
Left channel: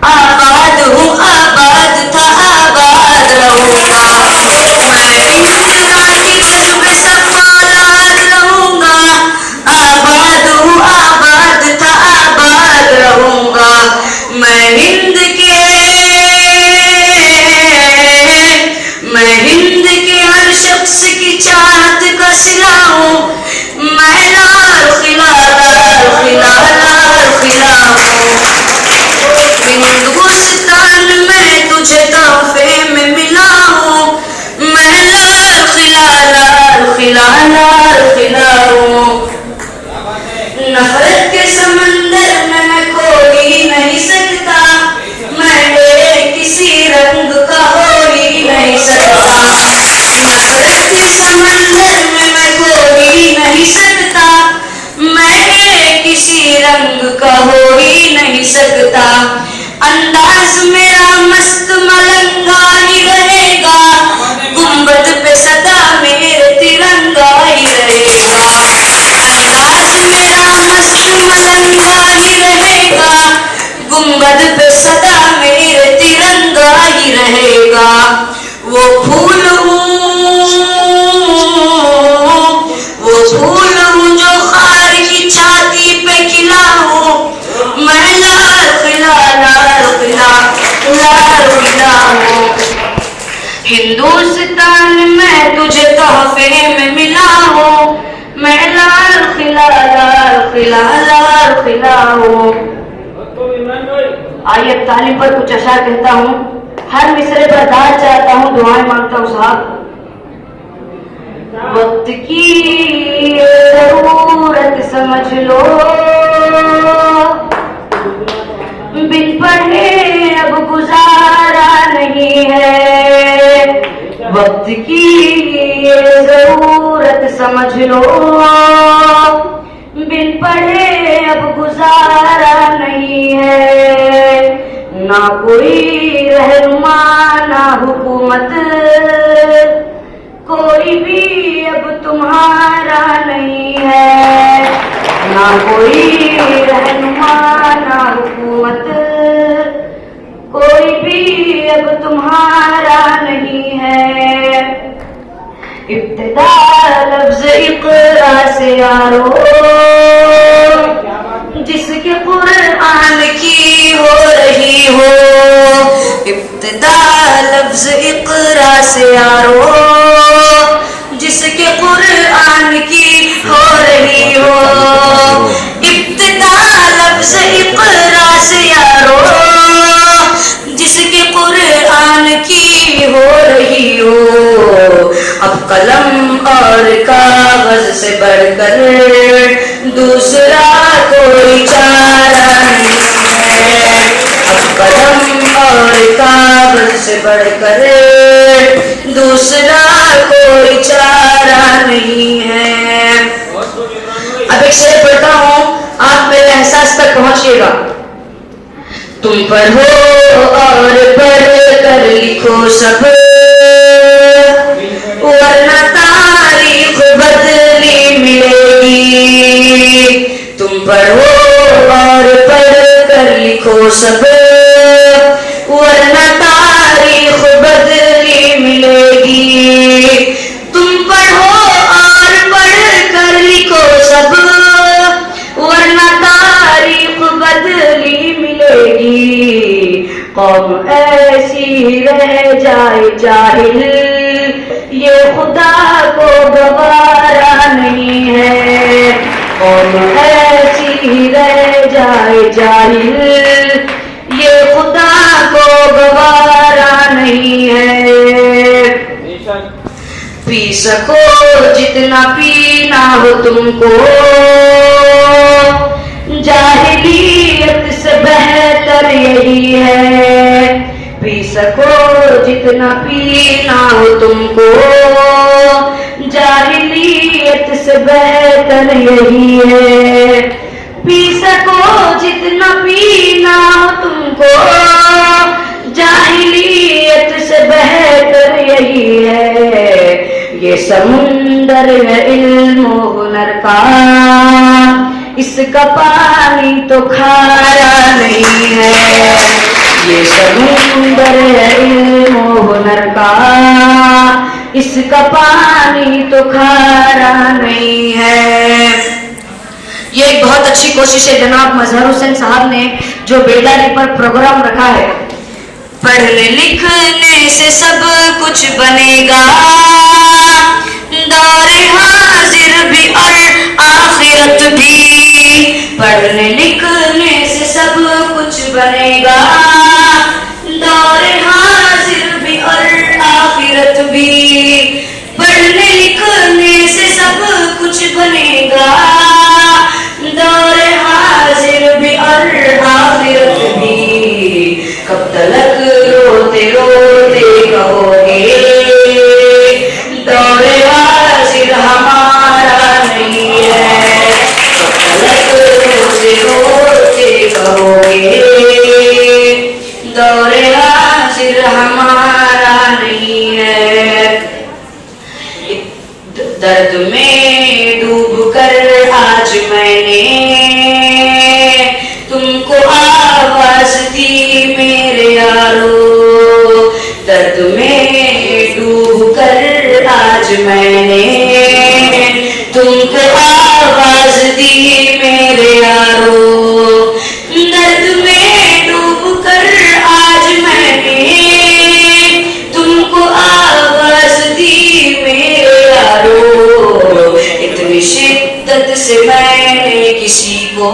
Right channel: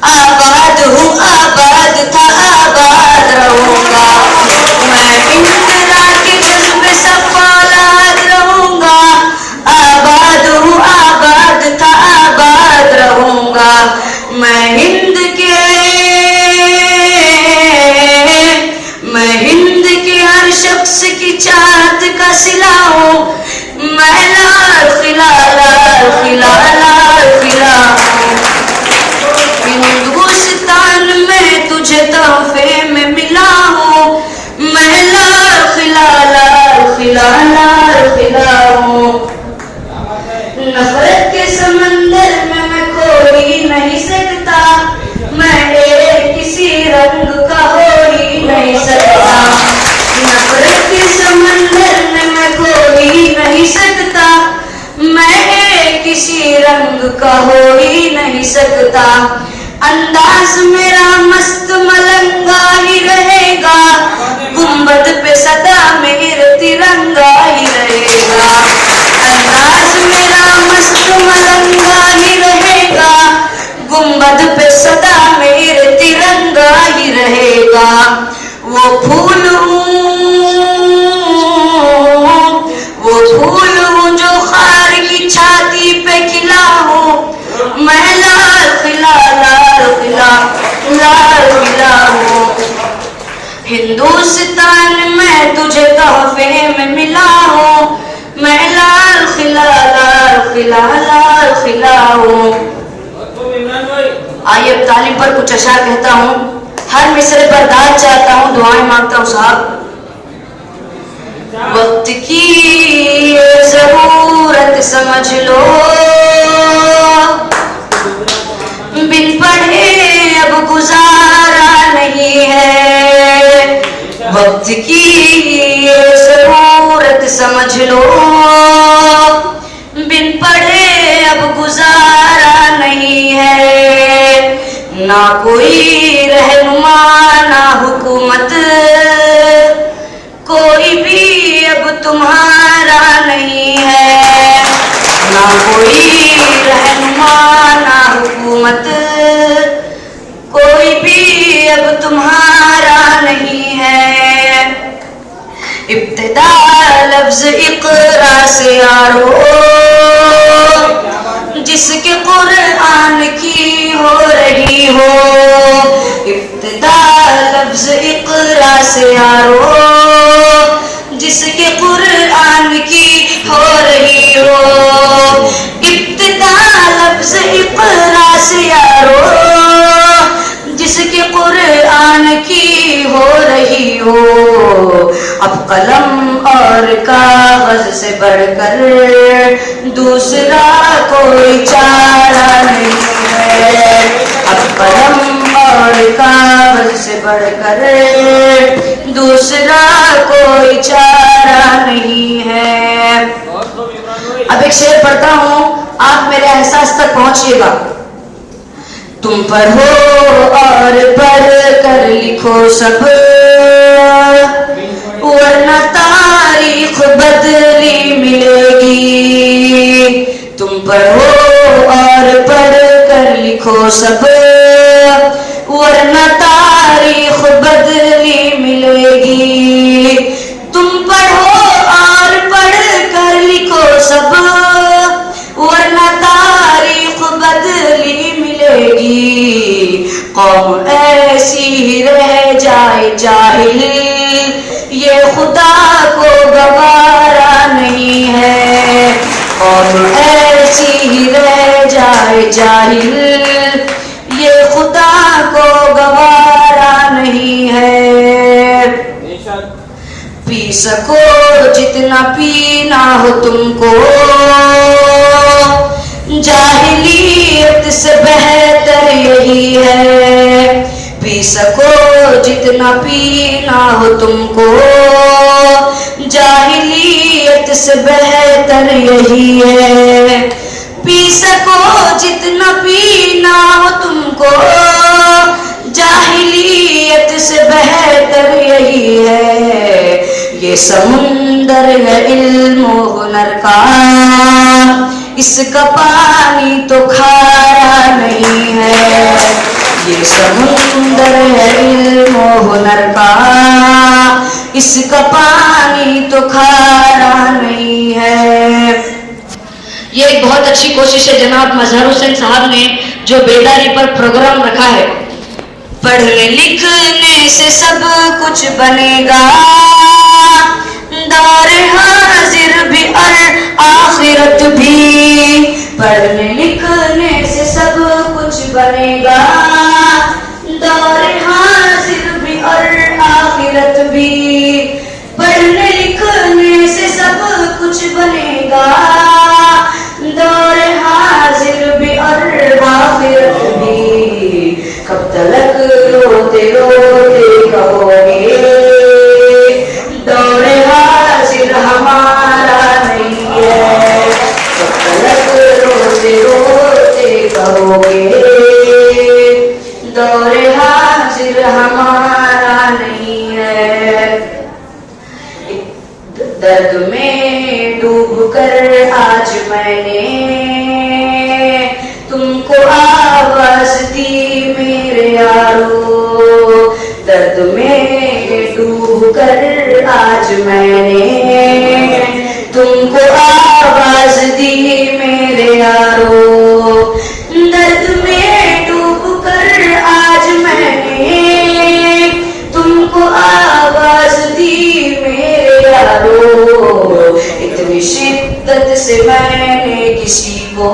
आबाद हूँ आबाद था आबाद रहूंगा। मैं इंदिरा के जज्बे सफौलाद रहूंगा। आबाद हूँ आबाद था आबाद रहूंगा। मैं हिंद के हर शख्स की चाहत का सिला हूँ। मैं लाल खिला लाल खिला लाल खिला हूँ। हिंदुस्तान में तुझे तोहफे में मिला हूँ। मैं लाल खिला लाल खिला लाल खिला हूँ। नफरत के समंदर में मैं कोई नहीं सकता। मैं किसी रंग का हो ही नहीं सकता। नफरत के समंदर में मैं कोई नहीं सकता। मैं किसी रंग का हो ही नहीं सकता। अंदाज मेरा मस्त मलंगा ही रहेगा। गुंबद पे सदा मेरे तिरंगा ही रहेगा। अंदाज मेरा मस्त मलंगा ही रहेगा। गुंबद पे सदा मेरे तिरंगा ही रहेगा। वो फूल हूँ जो खार की छाती पे खिला हूँ, मैं लाल खिला हूँ। हिंदुस्तान में तुझे तोहफे में मिला हूँ, मैं लाल खिला हूँ। आइए अब तालीम पर कुछ अशार कहता हूँ। हर मिसरे पर दाद चाहता हूँ, दुआएं मांगता हूँ साहब। वक्त की ये जरूरत समझ लो, बिन पढ़े अब गुजारा नहीं है। वक्त की ये जरूरत समझ लो, बिन पढ़े अब गुजारा नहीं है। ना कोई रहनुमा ना हुकूमत, कोई भी अब तुम्हारा नहीं है। ना कोई रहनुमा ना हुकूमत, कोई भी अब तुम्हारा नहीं है। इब्तिदा लफ्ज इक़रा से यारो, जिसके कुरान की हो रही हो। इब्तिदा लफ्ज इक़रा से यारो, जिसके कुरान की हो रही हो। इब्तिदा लफ्ज इक़रा से यारो, जिसके कुरान की हो रही हो। अब कलम और कागज से बढ़कर दूसरा कोई चारा नहीं है। अब कलम और कागज से बढ़कर दूसरा कोई चारा नहीं है। अब एक शेर पढ़ता हूँ, आप मेरे एहसास तक पहुंचिएगा। तुम पढ़ो और पढ़ कर लिखो सब, वरना तारीख बदली मिलेगी। तुम पढ़ो और पढ़ कर लिखो सब, वरना तारीख बदली मिलेगी। तुम पढ़ो और पढ़ कर लिखो सब, वरना तारीख बदली मिलेगी। कौम ऐसी रह जाए जाहिल, ये खुदा को गवारा नहीं है। कौम ऐसी रह जाए जाहिल, ये खुदा को गवारा नहीं है। पी सको जितना पीना हो तुमको, जाहिलियत से बेहतर यही है। पी सको जितना पीना हो तुमको, जाहिलियत से बेहतर यही है। पी सको जितना पीना हो तुमको, जाहिलियत से बेहतर यही है। ये समुंदर है इल्म हुनर का, इसका पानी तो खारा नहीं है। ये समुंदर है इल्म हुनर का, इसका पानी तो खारा नहीं है। ये एक बहुत अच्छी कोशिश है जनाब मजहर हुसैन साहब ने, जो बेदारी पर प्रोग्राम रखा है। पढ़ने लिखने से सब कुछ बनेगा, दौरे हाजिर भी और आखिरत भी। पढ़ने लिखने से सब कुछ बनेगा, दौरे हाजिर भी और आखिरत भी। पढ़ने लिखने से सब कुछ बनेगा, दौरे हाजिर भी और आखिरत भी। कब तलक रोते रोते कहोगे, दौरे हाजिर हमारा नहीं है। कब तलक रोते रोते कहोगे, दौरे हाजिर हमारा नहीं है। दर्द में डूब कर आज मैंने तुमको आवाज दी मेरे यारो। दर्द में डूब कर आज मैंने तुमको आवाज दी मेरे यारो। दर्द में डूब कर आज मैंने तुमको आवाज दी मेरे यारो। इतनी शिद्दत से मैंने किसी को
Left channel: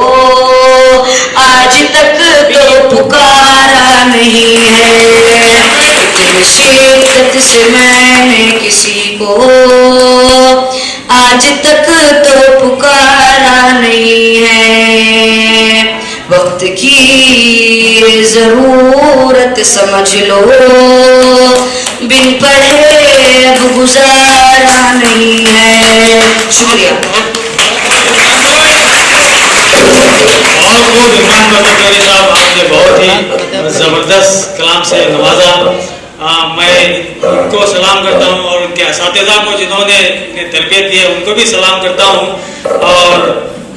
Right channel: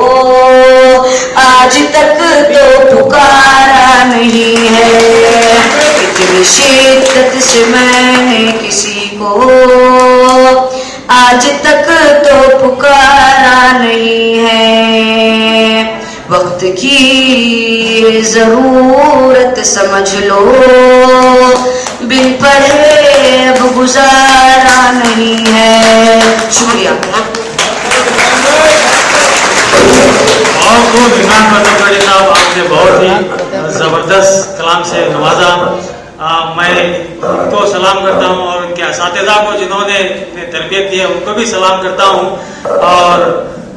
आज तक तो पुकारा नहीं है। इतनी शिद्दत से मैंने किसी को आज तक तो पुकारा नहीं है। वक्त की जरूरत समझ लो, बिन पढ़े अब गुजारा नहीं है। शुक्रिया। बहुत खूब इमरान बदरकारी साहब, आपने बहुत ही ज़बरदस्त कलाम से नवाजा। मैं उनको सलाम करता हूँ और उनके असातिज़ा को जिन्होंने तरबियत दी है उनको भी सलाम करता हूँ। और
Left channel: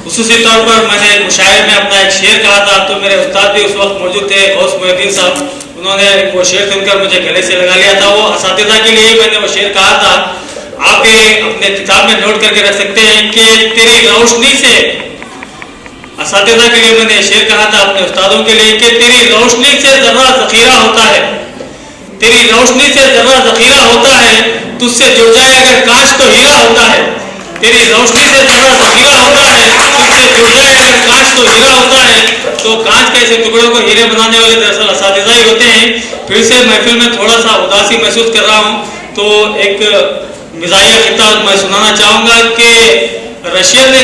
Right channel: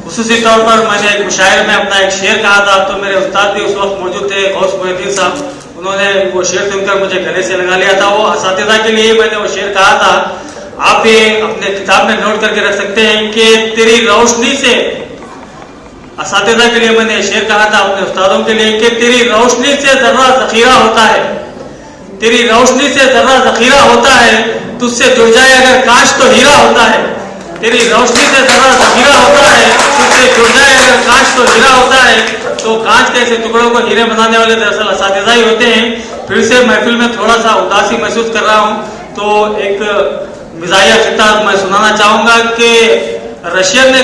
खुसूसी तौर पर मैंने एक मुशायरे में अपना एक शेर कहा था, तो मेरे उस्ताद भी उस वक्त मौजूद थे, गौस मोहिउद्दीन साहब। उन्होंने वो शेर सुनकर मुझे गले से लगा लिया था। वो असातिज़ा के लिए मैंने वो शेर कहा था। आप ये अपने किताब में नोट करके रख सकते हैं कि तेरी रोशनी से, असातिज़ा के लिए मैंने शेर कहा था अपने उस्तादों के लिए, कि तेरी रोशनी से जर्रा ज़ख़ीरा होता है, तेरी रोशनी से जर्रा ज़ख़ीरा होता है, तुझसे जुड़ जाए अगर कांच तो हीरा होता है। तेरी रोशनी से जर्रा ज़ख़ीरा होता है, तुझसे जुड़ जाए अगर कांच तो हीरा होता है। तो कांच के ऐसे टुकड़ों को हीरे बनाने वाले दरअसल असातिज़ा ही होते हैं। फिर से महफिल में थोड़ा सा उदासी महसूस कर रहा हूँ, तो एक मिज़ाहिया खिताब मैं सुनाना चाहूँगा कि रशियन ने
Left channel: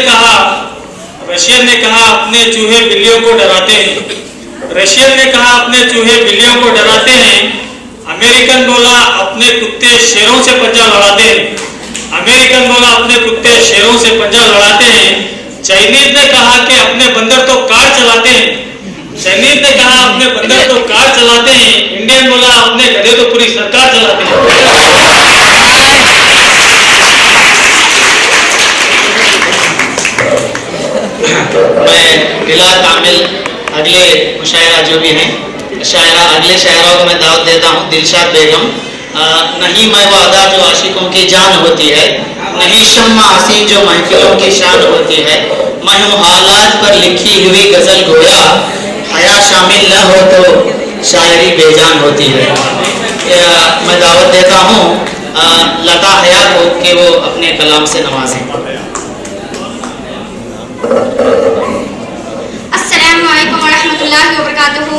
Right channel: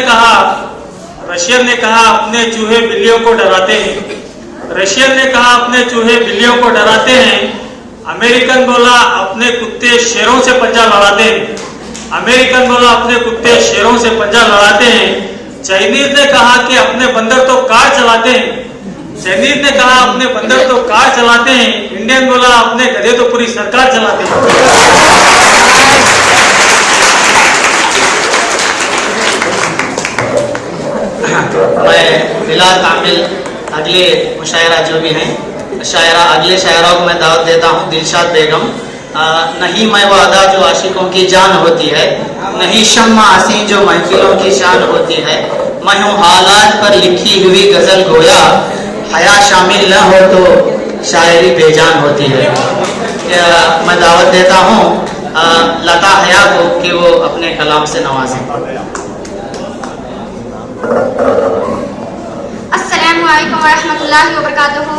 कहा अपने चूहे बिल्लियों को डराते हैं। रशियन ने कहा अपने चूहे बिल्लियों को डराते हैं। अमेरिकन बोला अपने कुत्ते शेरों से पंजा लड़ाते हैं। अमेरिकन बोला अपने कुत्ते शेरों से पंजा लड़ाते हैं। चाइनीज ने कहा कि अपने बंदर तो कार चलाते हैं। चाइनीज ने कहा अपने बंदर तो कार चलाते हैं। इंडियन बोला अपने गधे तो पूरी सरकार चलाते हैं। मैं बिला कामिल अगले मुशायरा जो भी हैं अगले शायरों को मैं दावत देता हूँ। दिलशाद बेगम। नहीं मैं वो अदा जो आशिकों की जान होती है, नहीं शम्मा हसीन जो महफिलों की शान होती है, मैं हूँ हालात पर लिखी हुई गज़ल गोया, हया शामिल न हो तो शायरी बेजान होती है। मैं दावत देता हूँ लता हया को कि वो अपने कलाम से नवाजें। अस्सलामु अलैकुम वरहमतुल्लाहि वबरकातुहू।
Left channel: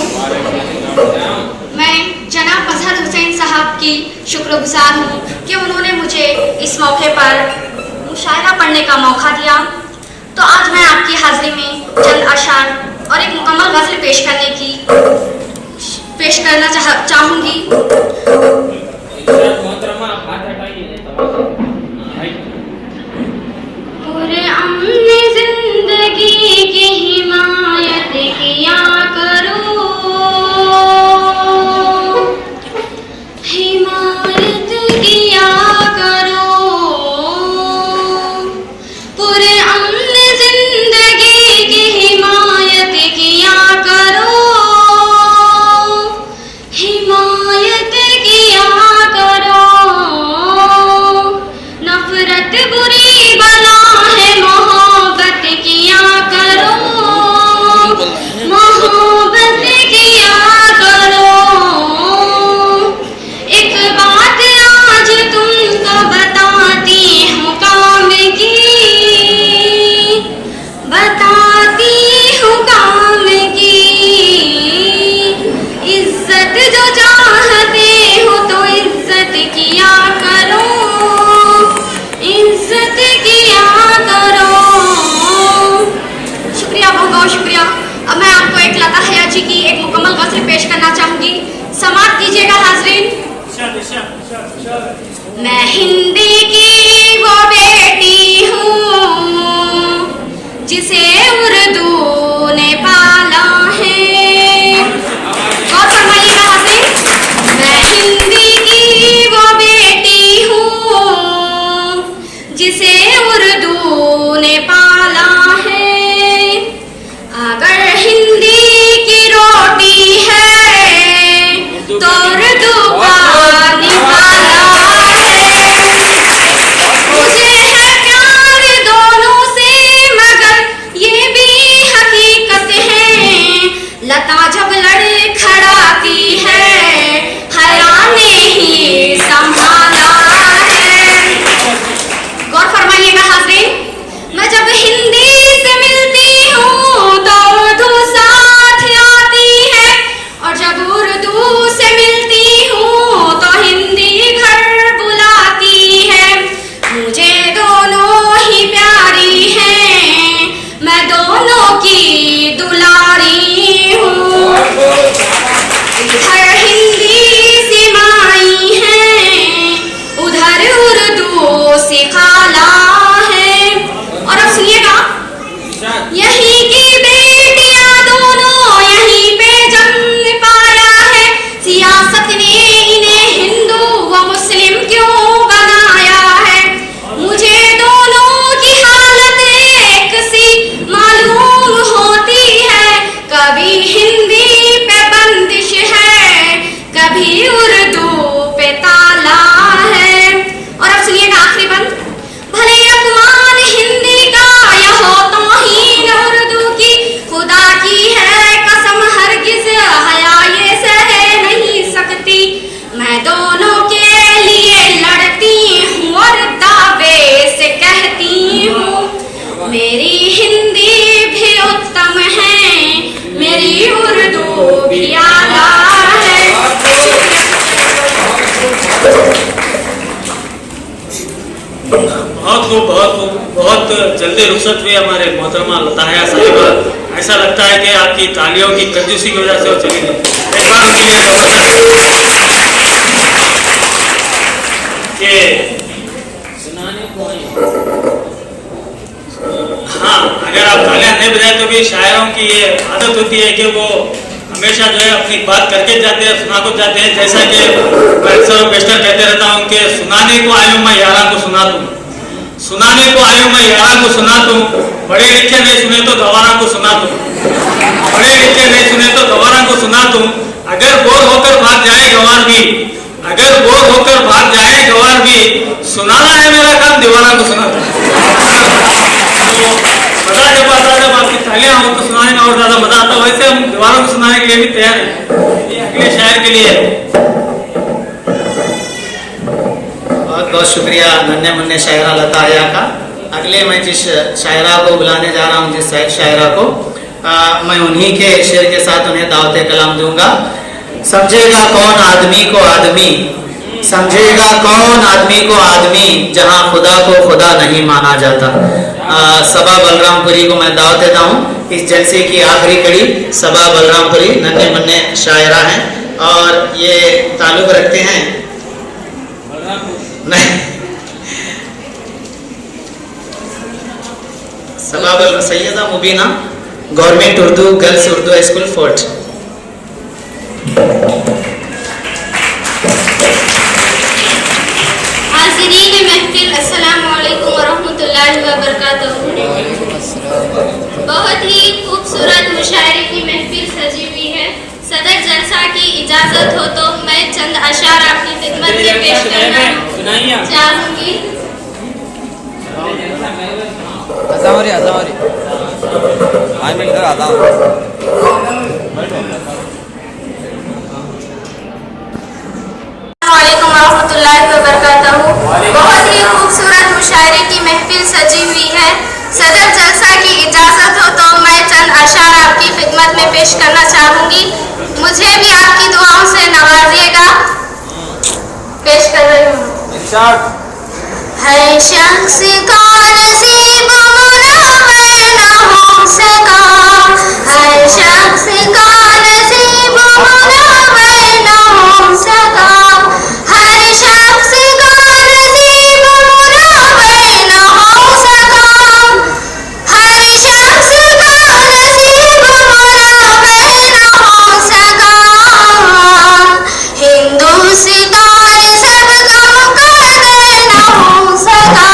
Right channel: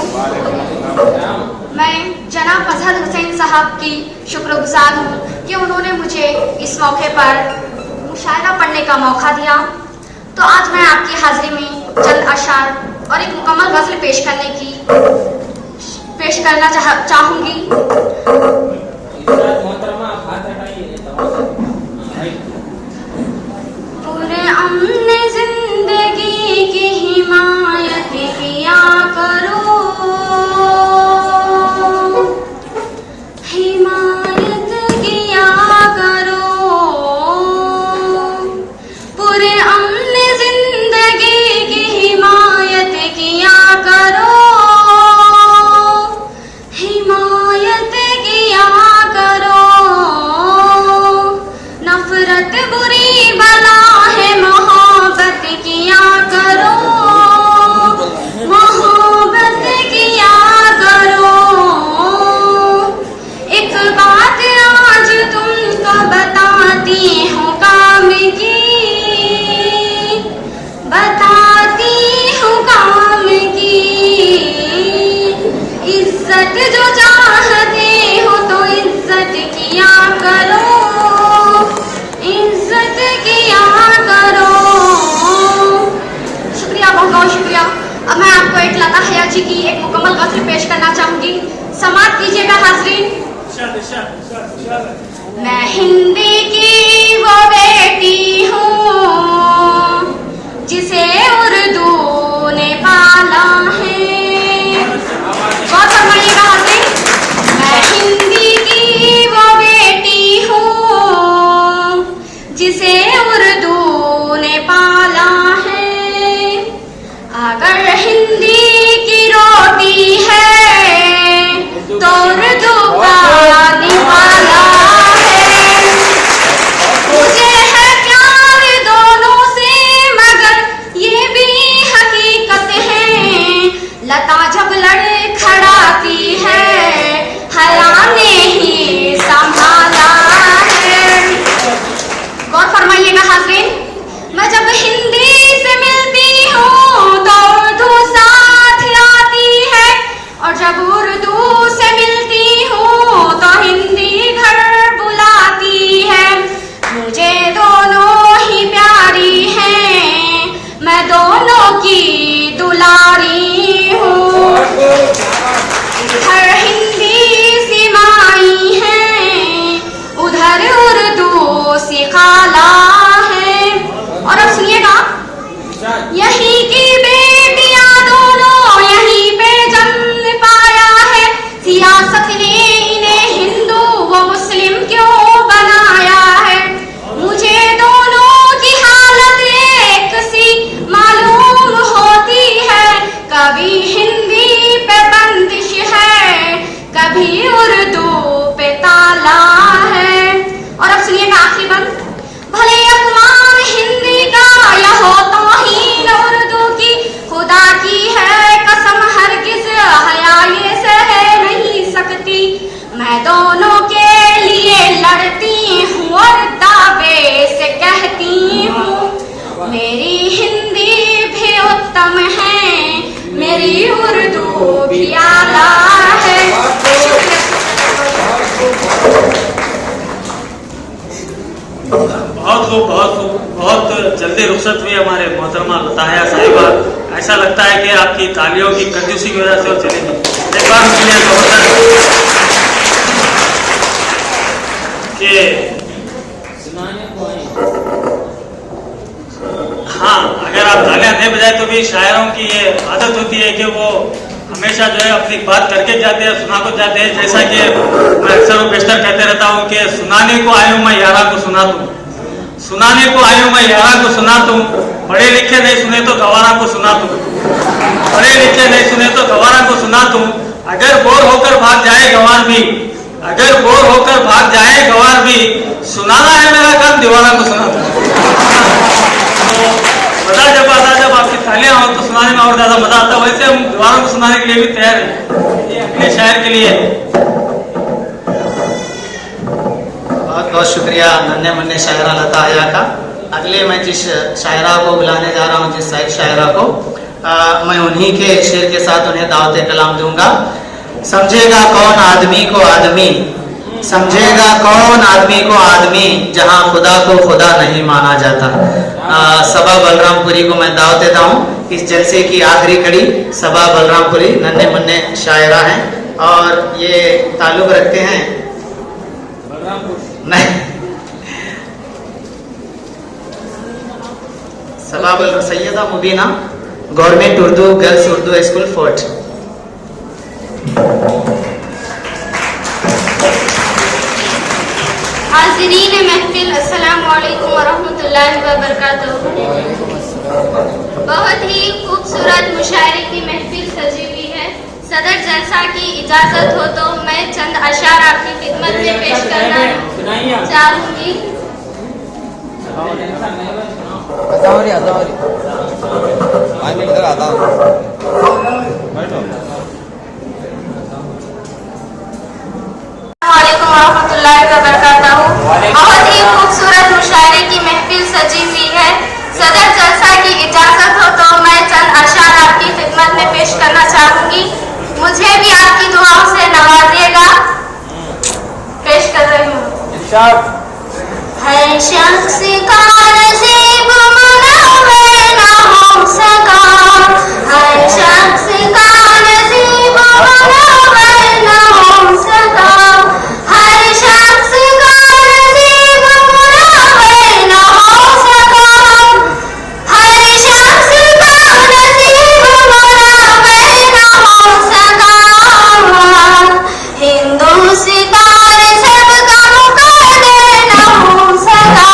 मैं जनाब मजहर हुसैन साहब की शुक्रगुजार हूँ कि उन्होंने मुझे इस मौके पर मुशायरा पढ़ने का मौका दिया। तो आज मैं आपकी हाज़िरी में चंद अशार और एक मुकम्मल गज़ल पेश करना चाहूँगी। पूरे अमने जिंदगी की हिमायत किया करो, हिमायत किया करो। पूरे अमने जिंदगी की हिमायत किया करो, हिमायत किया करो। नफरत बुरी बला है, मोहब्बत किया करो, मोहब्बत किया करो। एक बात आज तुमको बताती हूँ काम की, बताती हूँ काम की। इज्जत जो चाहते हो तो इज्जत किया करो, इज्जत किया करो। शुक्रिया, बहुत बहुत शुक्रिया। अब मैं आपको एक लता हया जी की एक मुकम्मल गज़ल पेश करना चाहूँगी। समाअत कीजिएगा हाज़रीन। मैं हिंदी की वो बेटी हूँ जिसे उर्दू ने पाला है। गौर फरमाइएगा हाज़रीन। मैं हिंदी की वो बेटी हूँ जिसे उर्दू ने पाला है। अगर हिंदी की रोटी है तो उर्दू का निवाला दोनों के लिए लड़ती हूँ और दावे से कहती हूँ मेरी हिंदी भी उत्तम है, मेरी उर्दू भी आला है। बहुत खूब, बहुत खूब। बहुत जल्दी रुखसत हुई हमारे मोहतरमा लताहया साहिबा। ऐसा लगता है कि आपकी तालियों की कंजूसी की वजह से वो चली गई। एक बार उनके लिए जबरदस्त ये हाँ, अगर आप तालियां नहीं बजाए तो भी शायरों की ये आदत होती है कि वो हमेशा जो है अपनी बात करके जाते हैं, सुना को जाते हैं। जैसा कि मैं अक्सर बेशतर कहते रहता हूँ कि सुनाने को आयु मैं यारा को सुना दूँ, सुनाने को आयु मैं यारा को सुना दूँ, पढ़े लिखे नहीं सुने तो गवारा को सुना दूँ, पढ़े लिखे नहीं सुने तो गवारा को सुना दूँ। अगर बोर होकर भाग जाए गंवार भी, अगर बोर होकर भाग जाए गंवार भी, सुनाना है मेरा काम दीवाना को सुना दूँ। मजा जब आता है, जब आपकी तालियां हो तो सुनाने में और ज्यादा मजा आता है। वैसे हम दीवारों को सुनाने के लिए भी तैयार हैं। ये अगले शायर के लिए बहुत बहुत शुक्रिया नन्हे मुन्ने शायरा लताहया का। अगले मैं जिस शायरा को बुलाने जा रहा हूँ, जिस शायरा को मैं उन्हीं के शेर के साथ उन्हें दावत कलाम दूंगा। समझेगा कौन आदमी को आदमी, समझेगा कौन आदमी को आदमी, जहाँ खुदा को खुदा नहीं माना जाता। सबा बलरामपुरी को मैं दावत देता हूँ। इस जलसे की आखिरी कड़ी सबा बलरामपुरी नन्हे मुन्ने शायरा हैं और ये ताल्लुक रखते हैं नहीं Saba Syeda Mubeena government Urdu girls Urdu school fort. हाज़रीन महफिल, अस्सलाम वालेकुम वरहमतुल्लाहि वबरकातुहू। बहुत ही खूबसूरत मुशायरे की महफिल सजी हुई है। सदर जलसा की इजाजत हो तो मैं चंद अशार आपकी खिदमत में पेश करना चाहूंगी। वालेकुम रहमतुल्लाहि व बरकातहू। बहुत ही खूबसूरत मुशायरे की महफिल सजी हुई है। सदर जलसा की इजाजत हो तो मैं चंद अशार आपकी खिदमत में पेश करना चाहूंगी। मुझे भी आपकी दुआओं से नवाजिएगा। पेश कर रही हूँ। है शख्स का नसीब मुनावर न हो सका, हर शख्स का नसीब मुनावर न हो सका, हर शख्स का नसीब मुनावर न हो सका, हर शख्स का नसीब मुनावर न हो सका। हिंदुस्तान सबका मुकद्दर न हो सका,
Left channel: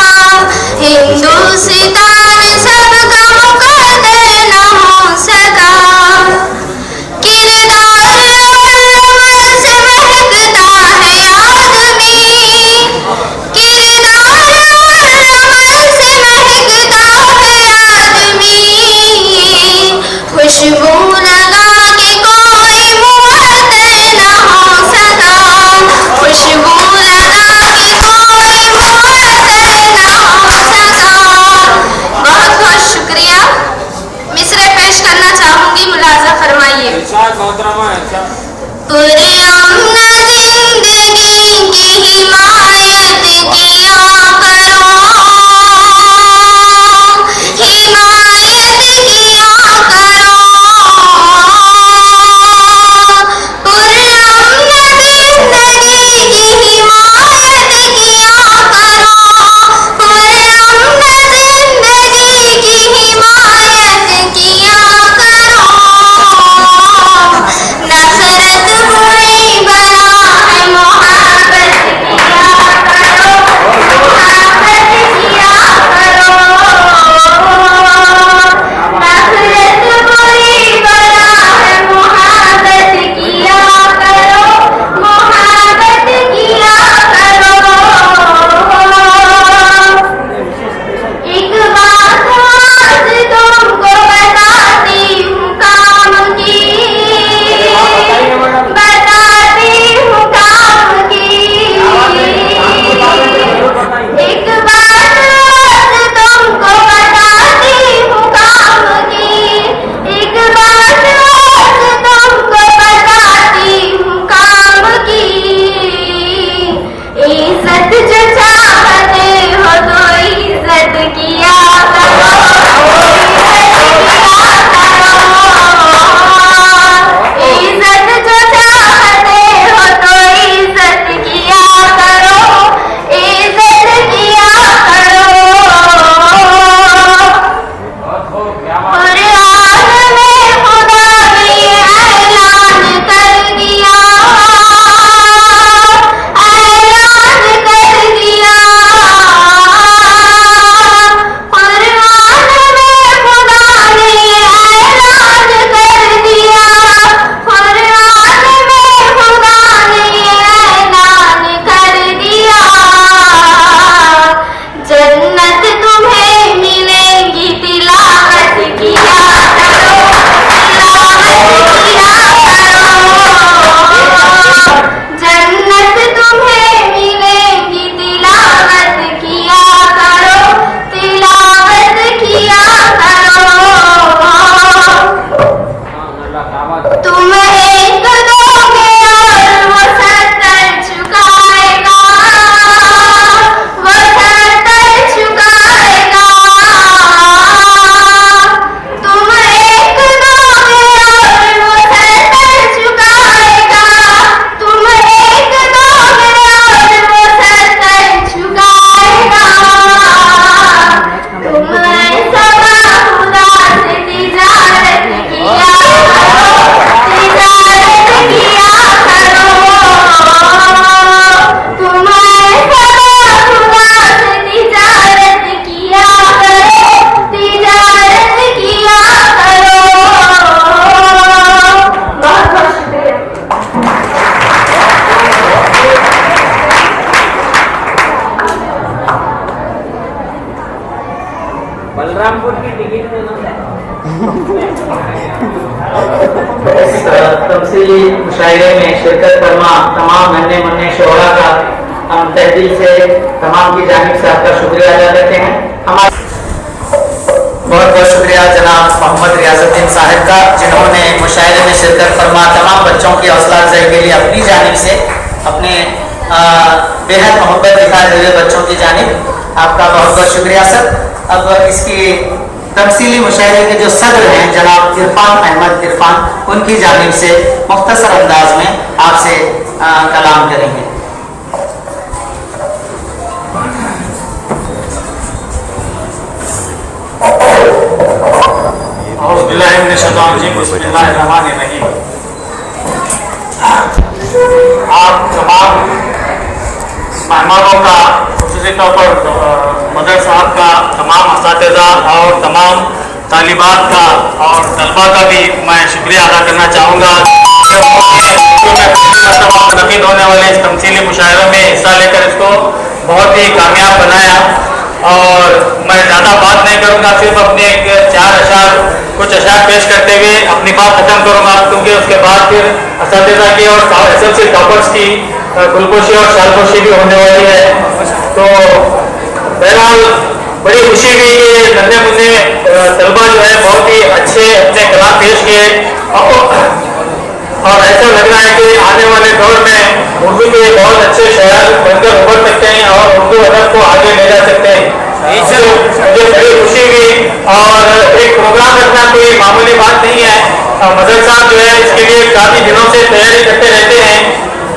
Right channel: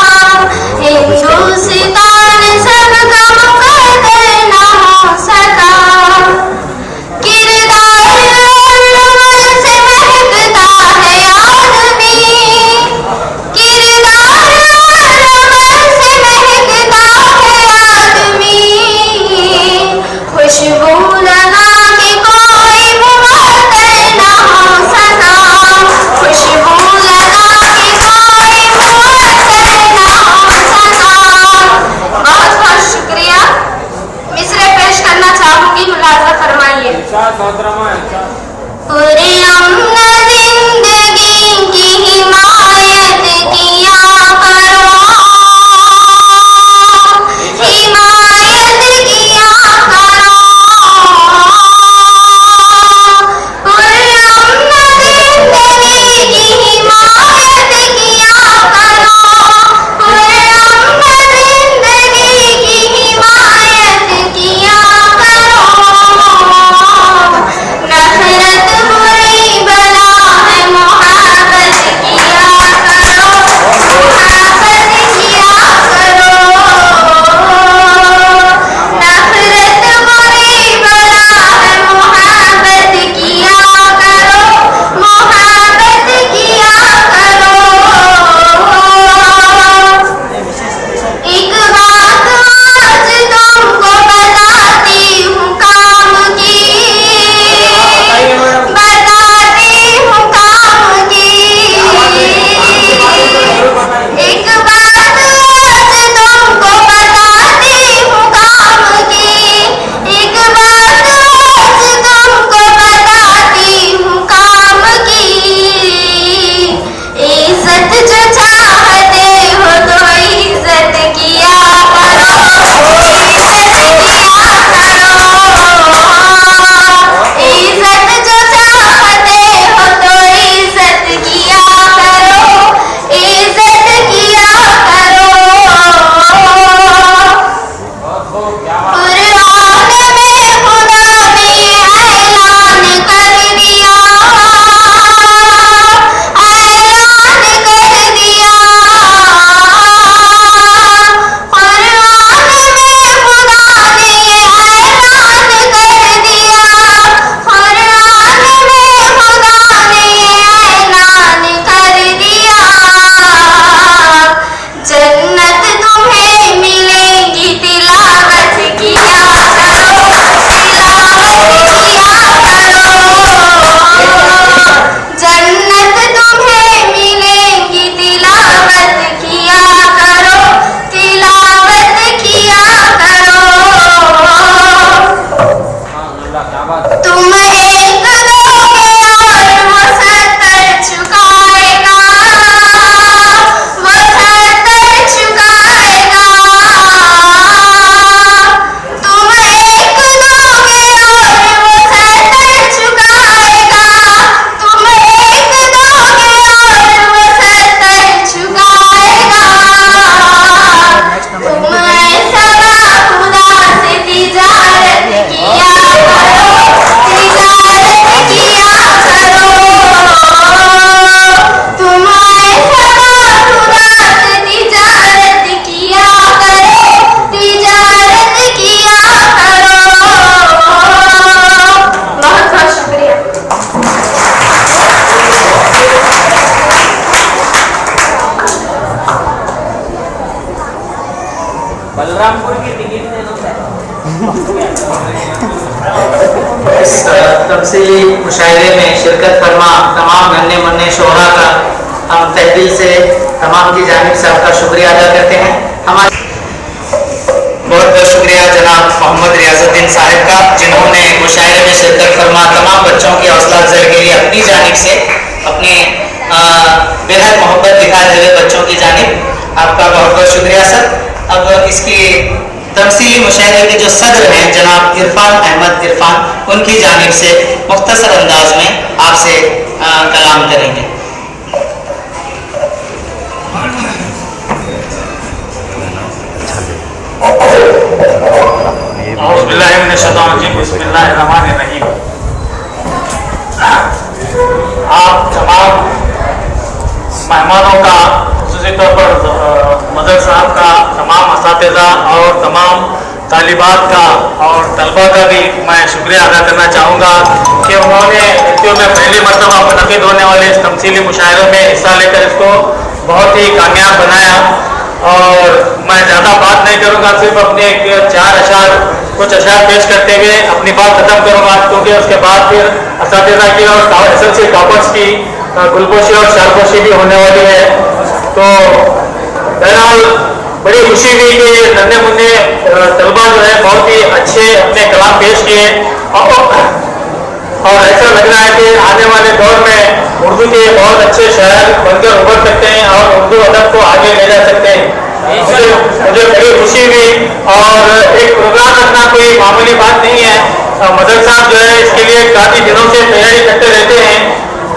बलरामपुर की टिकट दे दो। इस तमसीली मुशायरे में शिरकत फरमा तमाम नन्हे मुन्ने शोहरा का हम तहदिल से तमाम की जानिब से आपका शुक्रिया अदा करते हैं। हमारे बहुत बहुत शुक्रिया जनाब मोहम्मद रियाजुद्दीन साहब का, जिन्होंने मुशायरे में शिरकत फरमा तमाम बच्चों की हौसला अफजाई के लिए अपनी जानिब से अपने बेहद मोहब्बत दिखाए हुए बच्चों की जानिब आपका बहुत बहुत शुक्रिया सर। अब इसकी तमसीली मुशायरे के जो सदर हैं जनाब इरफान अहमद इरफान, उनकी जानिब से मुख्तसर अंदाज में आपसे कलाम करेंगे। आप तमाम मेहमानों का, खुसूसी तौर पर मदर साहब का, तमाम असातिज़ा और तमाम तालिबात का और तलबा का भी मैं शुक्रिया अदा करना चाहूँगा कि उन्होंने बच्चों में पहली मरतबा मुनक़िद होने वाले इस तमसीली मुशायरों में हिस्सा लेकर इसको बहुत ही कामयाब बनाया। और मैं ज़्यादा बात नहीं करूँगा, सिर्फ अपने 4 अशार कुछ अशार पेश करते हुए अपनी बात ख़त्म करूँगा, क्योंकि उसके बाद फिर असातिज़ा की और SLC टॉपर्स की गुलपोशी और शालपोशी भी होने वाली है। तो बहरहाल बड़ी खुशी हुई कि नन्हे मुन्ने तलबा जो है बहुत ही अच्छे अपने कलाम पेश किए और ऐसा लग रहा है कि आने वाले दौर में उर्दू के बहुत अच्छे शायर बनकर उभर सकते हैं और उर्दू अदब को आगे ले जा सकते हैं। मुझे बड़ी खुशी हुई और एक प्रोग्राम रखना कोई मामूली बात नहीं है। मदर साहब जो है इसके लिए काफ़ी दिनों से तैयारी करते रहते हैं,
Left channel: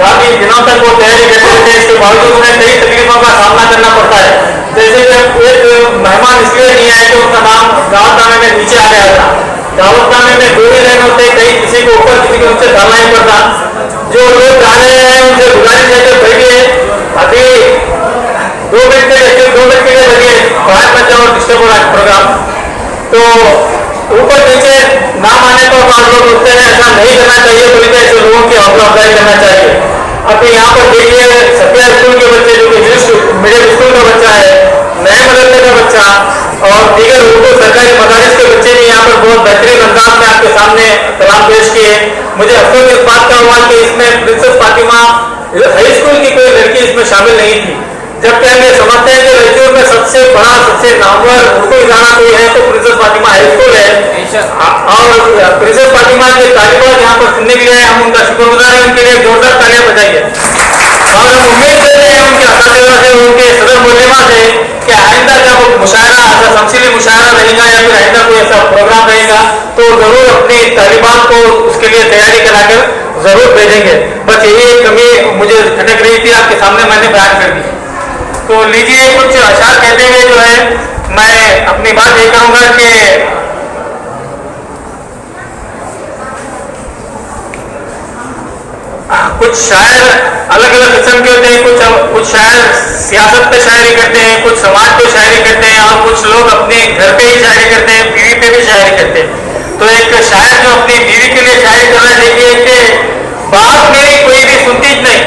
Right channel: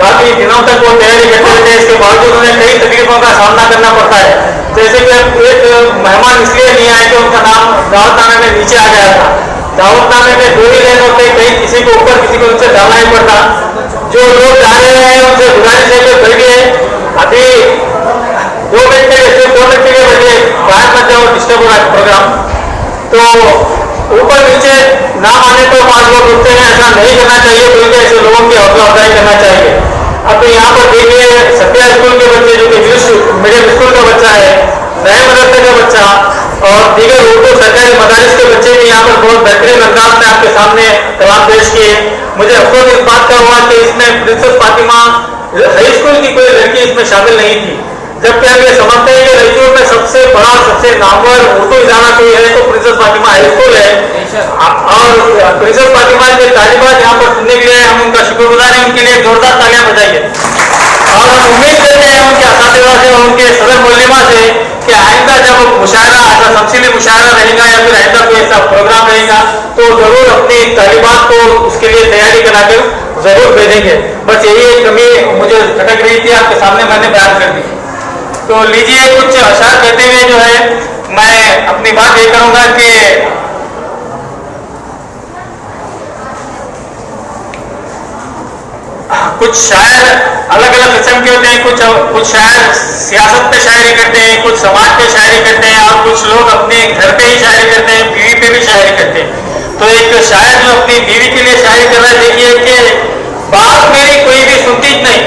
काफ़ी दिनों तक वो तैयारी करते रहते हैं। इसके बावजूद उन्हें कई तकलीफों का सामना करना पड़ता है। जैसे कि एक मेहमान इसलिए नहीं आए कि उनका नाम दावतनामे में नीचे आ गया था। दावतनामे में 2 ही लाइन होते, कहीं किसी को ऊपर किसी को नीचे डालना ही पड़ता। जो लोग जा रहे हैं उनसे गुजारिश है कि बैठिए, अभी 2 मिनट के लिए, सिर्फ 2 मिनट के लिए बैठिए, बाहर मत जाओ, डिस्टर्ब हो रहा है प्रोग्राम। तो ऊपर नीचे नाम आने पर 5 लोग उठते हैं, ऐसा नहीं करना चाहिए, बल्कि ऐसे लोगों की हौसला अफजाई करना चाहिए। अब यहाँ पर देखिए सफिया स्कूल के बच्चे, जो कि इंग्लिश मीडियम स्कूल का बच्चा है, नए मदरसे का बच्चा और दीगर उर्दू सरकारी मदारिस के बच्चे भी यहाँ पर बहुत बेहतरीन अंदाज में आपके सामने कलाम पेश किए। मुझे अफसोस इस बात का हुआ कि इसमें प्रिंसेस फातिमा हाई स्कूल की कोई लड़की इसमें शामिल नहीं थी, जबकि हम ये समझते हैं कि रईचूर में सबसे बड़ा, सबसे नामवर उर्दू इदारा कोई है तो प्रिंसेस फातिमा हाई स्कूल है। और प्रिंसेस फातिमा के तालिबात यहाँ पर सुनने के लिए हम उनका शुक्रगुजार हैं, उनके लिए जोरदार तालियां बजाइए। और हम उम्मीद करते हैं उनके असातिज़ा से, उनके सदर मुल्लिमा से कि आइंदा जब मुशायरा, ऐसा तमसीली मुशायरा रहेगा या फिर आइंदा कोई ऐसा प्रोग्राम रहेगा तो जरूर अपनी तालिबात को उसके लिए तैयारी कराकर जरूर भेजेंगे। बस यही एक कमी मुझे खटक रही थी, आपके सामने मैंने बयान कर दी। तो लीजिए कुछ अशार कहते हुए जो है मैं अपनी बात ये करूँगा कि कुछ शायर अलग अलग किस्म के होते हैं। कुछ शायर सियासत पे शायरी करते हैं, कुछ समाज पे शायरी करते हैं और कुछ लोग अपने घर पे ही शायरी करते हैं, बीवी पे भी शायरी करते हैं। तो एक शायर जो अपनी बीवी के लिए शायरी कर रहा है, देखिए कि बात मेरी कोई भी सुनती नहीं,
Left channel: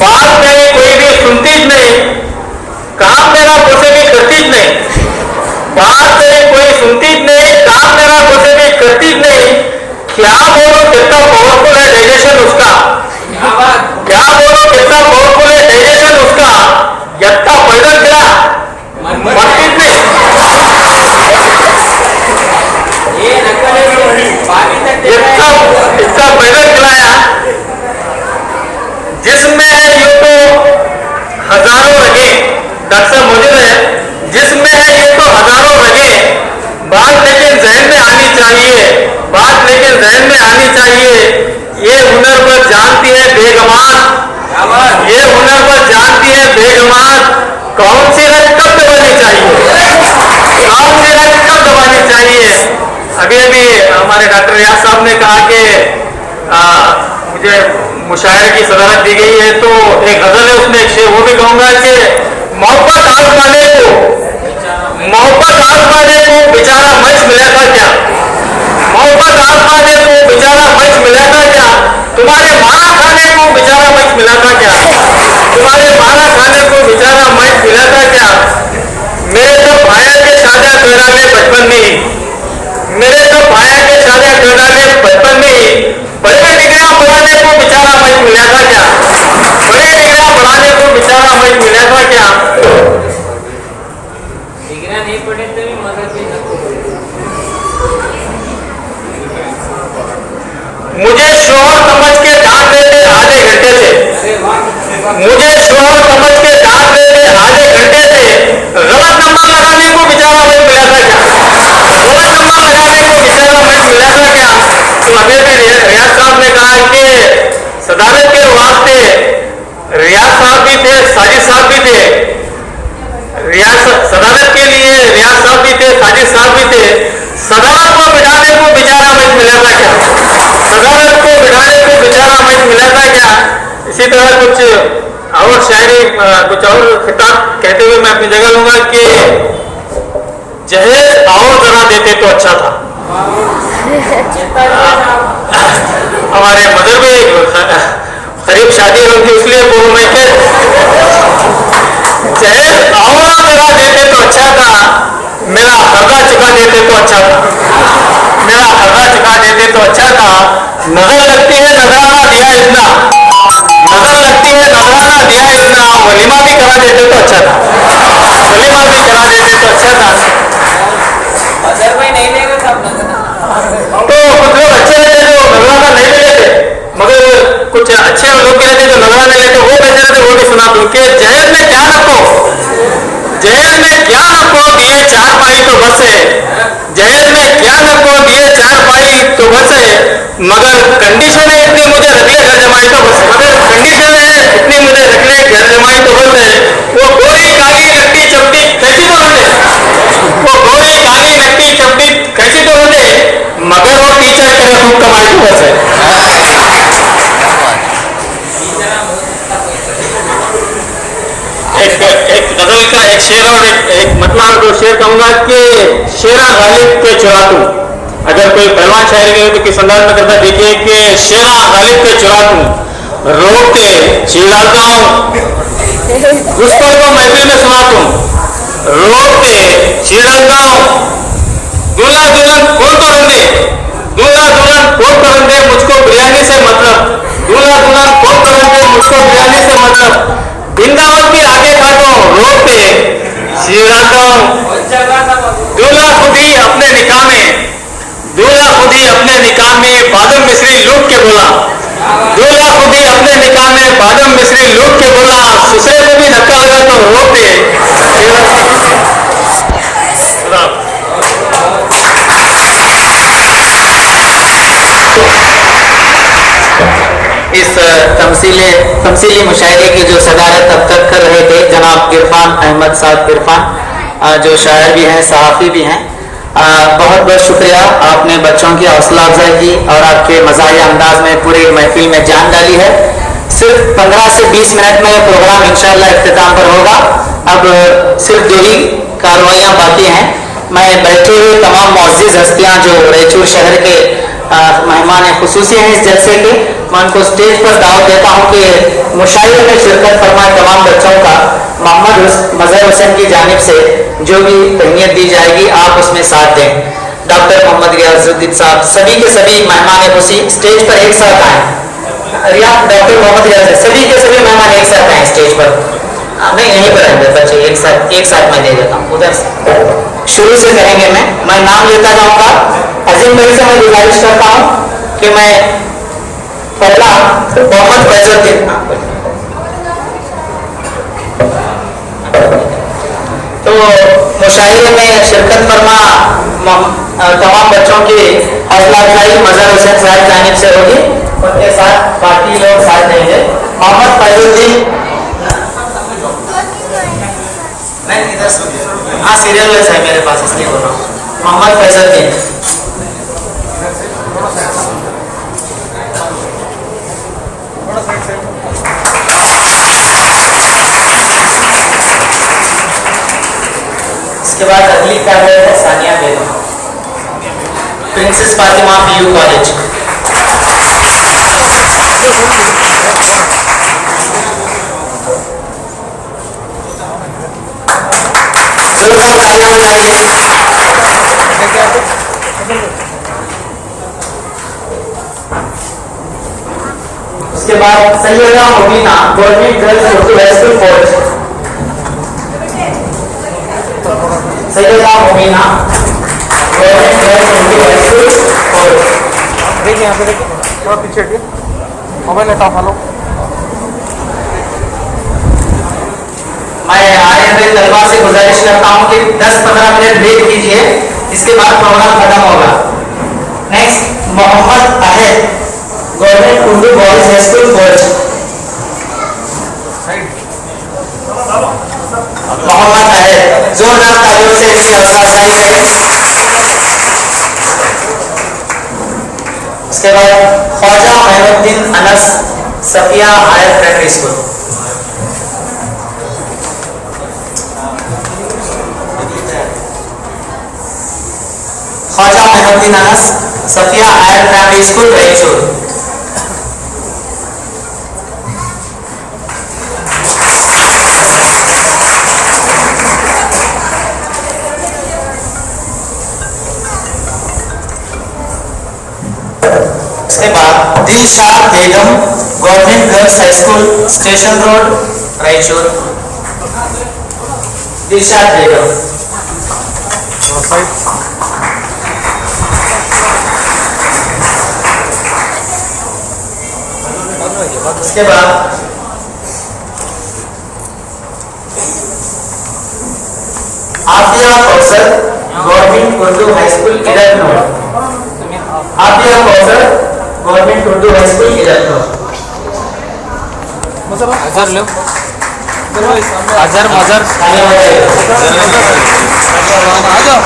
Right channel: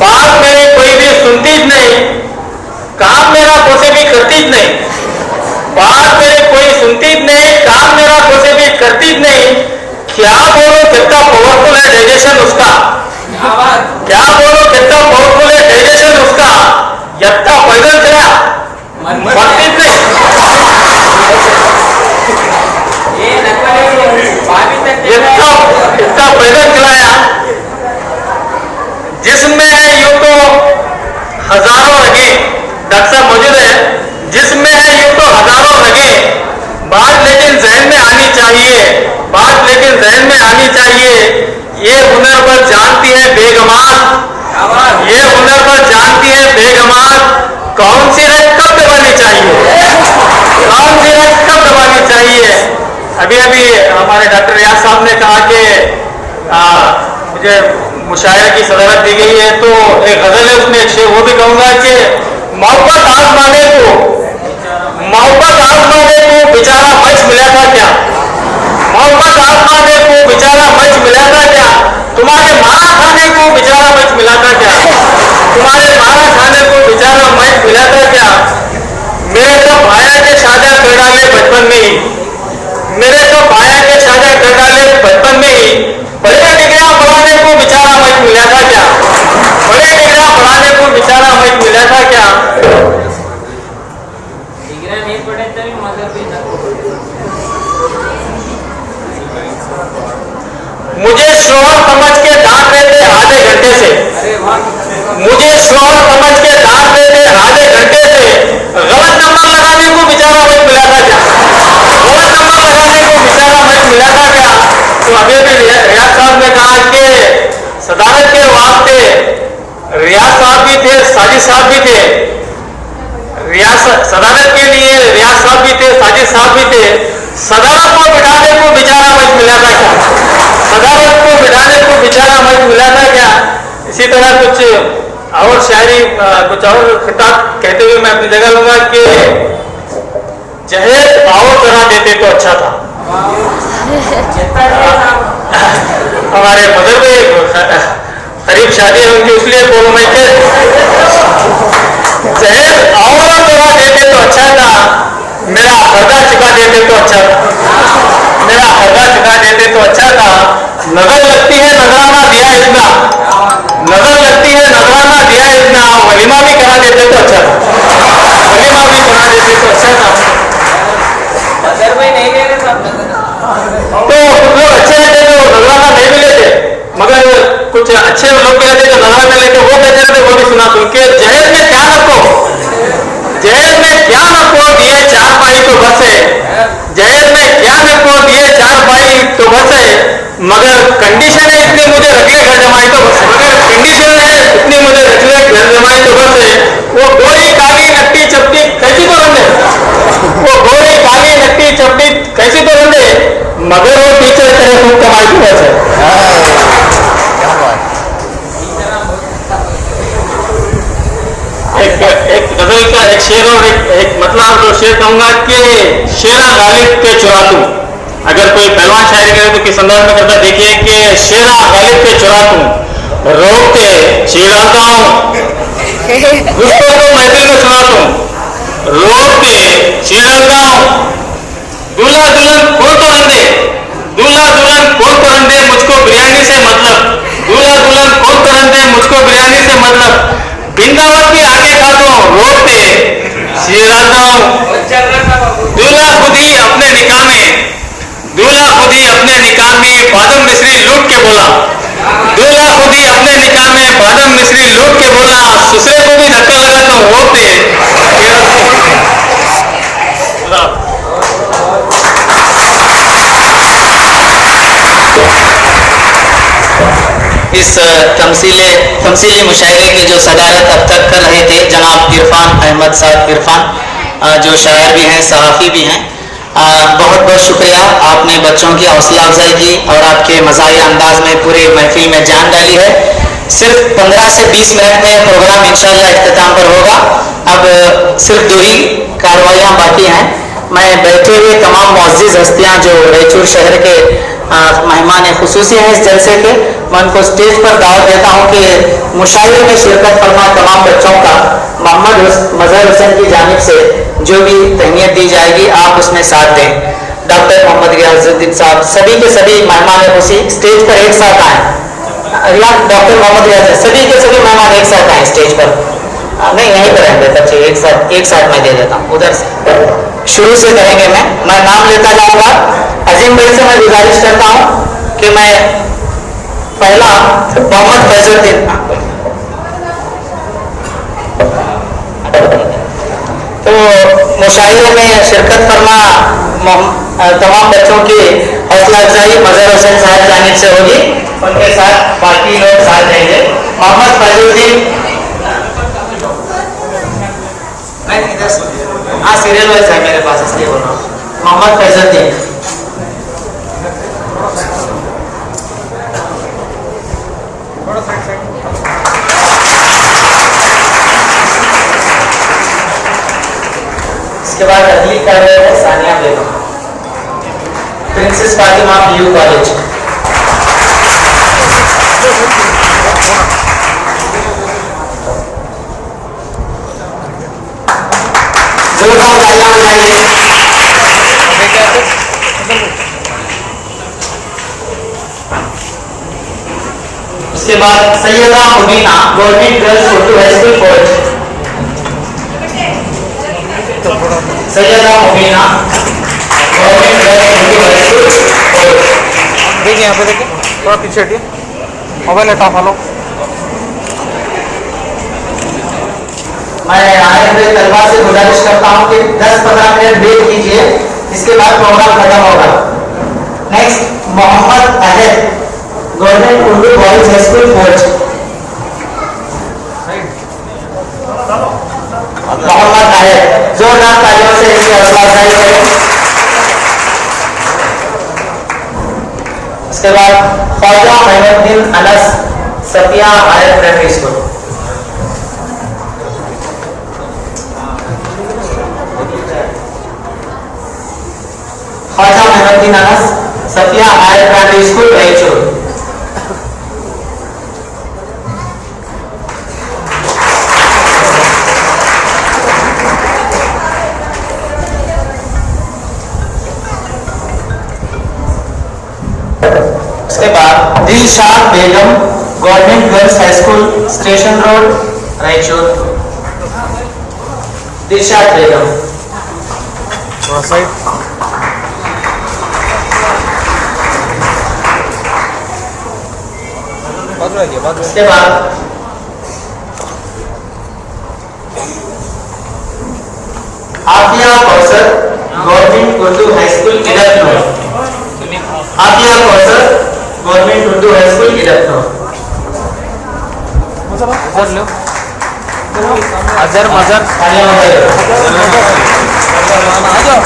बात मेरी कोई भी सुनती नहीं, काम मेरा कोसे भी करती नहीं, बात मेरी कोई सुनती नहीं, काम मेरा कोसे भी करती नहीं, क्या बोलो कितना पावरफुल है डाइजेशन उसका, क्या बोलो कितना पावरफुल है डाइजेशन उसका, यत्ता पैदल चला मरती नहीं, इतना पैदल चलाया, जिसमें है यूं तो हजारों रगे, डॉक्टर साहब मौजूद है, जिसमें है यूं तो हजारों रगे, बात लेकिन जहन में आनी चाहिए, बात लेकिन जहन में आनी चाहिए, ये हुनर पर जानती है बेगमात, ये हुनर पर जानती है बेगमात, कौन सी रग कब दबानी चाहिए, कौन सी रग कब दबानी चाहिए। अभी अभी हमारे डॉक्टर रियाज साहब ने कहा कि मुझे मुशायरे की सदारत दी गई है, तो एक गजल है उसमें एक शेर वो भी कहूँगा कि मोहब्बत आजमाने को, मोहब्बत आजमाने को बेचारा मंच मिला था क्या, मोहब्बत आजमाने को बेचारा मंच मिला था क्या, तुम्हारे मारा खाने को बेचारा मंच मिला था क्या, तुम्हारे मारा खाने को बेचारा मंच मिला था क्या, मेरे तो भाया के मुझे शोहर समझ के डांट रहे थे आधे घंटे से, मुझे शोहर समझ के डांट रहे थे आधे घंटे से। गलत नंबर लगाने को बेचारा मत मिला था क्या? गलत नंबर लगाने को बेचारा मत मिला था क्या? तो अभी भी रियाज साहब ने कहा कि सदारत के वास्ते रियाज साहब भी थे, साजिद साहब भी थे। सदारत के लिए रियाज साहब भी थे, साजिद साहब भी थे। सदारत को बिठाने को बेचारा मत मिला था क्या? सदारत को बिठाने को बेचारा मत मिला था क्या? इसी तरह कुछ और शायरी, कुछ और खिताब कहते हुए मैं अपनी जगह लूंगा कि जहेज और जरा देते तो अच्छा था। हमारे मदर में करीब शादी होगी इसलिए बोलो मैं जहेज और जरा देते तो अच्छा था, मेरा कर्जा चुका देते तो अच्छा था, मेरा कर्जा चुका देते तो अच्छा था। नजर लगती है नजराना दिया इतना, नजर लगती है नजराना दिया इतना, वलीमा भी करा देते तो अच्छा था, वलीमा भी करा देते तो अच्छा था। तो कुछ लोग अच्छे रहते जो नजराना नहीं मिले थे, मगर कुछ अच्छे लोग भी रहते जो नजराना लेके वो कैसे रहते वो भी सुना दूं कि जहेज में क्या नको, जहेज में क्या नको दिए 4 पाई तो बसे, जहेज में क्या नको दिए 4 पाई तो बसे, मगर कंडीशन है इतनी मुझे रख ले घर जमाई तो बसे, मगर कंडीशन है इतनी मुझे रख ले घर जमाई तो बसे। वो गोरी काली लट्टी चपटी कैसी तो रंधे, वो गोरी काली लट्टी चपटी कैसी तो रंधे, मगर वो टीचर करे खूब कमाई तो बसे। एक गजल का एक शेर और एक मतलब जो शेर कहूंगा कि शेरा गालिब पे चुरा तू, अगर कोई पहलवान शायरी करे तो किस अंदाज में करता देखिए कि शेरा गालिब पे चुरा तू, रोक के चिढ़ाता हूँ गुस्से को महफिल में सुनाता हूँ, रोक के चिढ़ाता हूँ, दूल्हा दुल्हन कौन तो रंधे, दूल्हा दुल्हन कौन तो रंधे मुझको बिरयानी से मतलब, दूल्हा दुल्हन कौन तो रंधे मुझको बिरयानी से मतलब, बिंदावत भी आगे खाता हूँ रोकते चिढ़ाता हूँ, दूल्हा खुद ही अपने निकाह में, दूल्हा खुद ही अपने निकाह में बादम मिश्री लूट के बोला, दूल्हा खुद ही अपने निकाह में बादम मिश्री लूट के बोला, ससुरे को भी धक्का लगा तो रोकते। इस तमसीली मुशायरे की जो सदारत अब तक कर रहे थे जनाब इरफान अहमद साहब इरफान, जो शायर भी हैं सहाफ़ी भी हैं, बहुत बहुत शुक्रिया। आपने बच्चों की हौसला अफजाई की और आपके मज़ाहिया अंदाज में पूरी महफिल में जान डाली है। सिर्फ 15 से 20 मिनट में प्रोग्राम इंशाअल्लाह इख्तिताम पर होगा। अब सिर्फ 2 ही कार्रवाइयाँ बाकी हैं। मैं बैठे हुए तमाम मुअज़्ज़िज़ हस्तियाँ जो रायचूर शहर के मेहमान खुसूसी हैं इस जलसे के, मैं उनको स्टेज पर दावत देता हूँ कि मुशायरे में शिरकत फरमाए तमाम बच्चों का मोहम्मद मज़हर हुसैन की जानिब से जो भी तहनीत दी जाएगी आप उसमें साथ दें। डॉक्टर मोहम्मद रियाजुद्दीन साहब सभी के सभी मेहमान खुशी स्टेज पर एक साथ आए। डॉक्टर मोहम्मद रियाज सभी के सभी मेहमान एक साथ आए स्टेज पर। नहीं यहीं पर रहेंगे बच्चे एक साथ मैं दे देता हूँ। उधर से शुरू से करेंगे। मैं नाम लेता जाऊँगा। अजीम भाई से मैं गुजारिश करता हूँ कि मैं पहला मोहम्मद फैजुद्दीन, तो मुशायरे में शिरकत फरमा तमाम बच्चों की हौसला अफजाई मज़हर हुसैन साहब जानिब से होगी, उनके साथ बाकी लोग साथ देंगे। मोहम्मद फैजुद्दीन, हाँ सीरियल वाइज है मेरे पास इसलिए बोल रहा हूँ। मोहम्मद फैजुद्दीन, इसके बाद अगली कार्य है Sania Begum, princess Fatima PU college. जोरदार तालियां बजाइए। उसके बाद Syeda Mubeena government girls Urdu high school फौज, Syeda Mubeena government girls Urdu high school फौज। यहाँ पे देखिए थोड़ा पीछे हटिए, मोबाइल हटा फॉलो। मैं आए हुए तलबा से गुजारिश करता हूँ कि 10-15 मिनट वेट कीजिए, इसके बाद प्रोग्राम खत्म होगा। Next Mohammed Ahad, government Urdu boys high school कोच। मोहम्मद अहद, जोरदार तालियों से इनकी हौसला अफजाई करें। इसके बाद Khwaja Moinuddin Anas, Safia higher primary school. Khwaja Moinuddin Anas, Safia higher primary school Raichur. इसके बाद Dilshad Begum, government girls high school station road Raichur. Dilshad Begum. इसके बाद Afia Kausar, government Urdu high school इधर। Afia Kausar, government Urdu high school इधर। अजहर मजहर आ जाओ।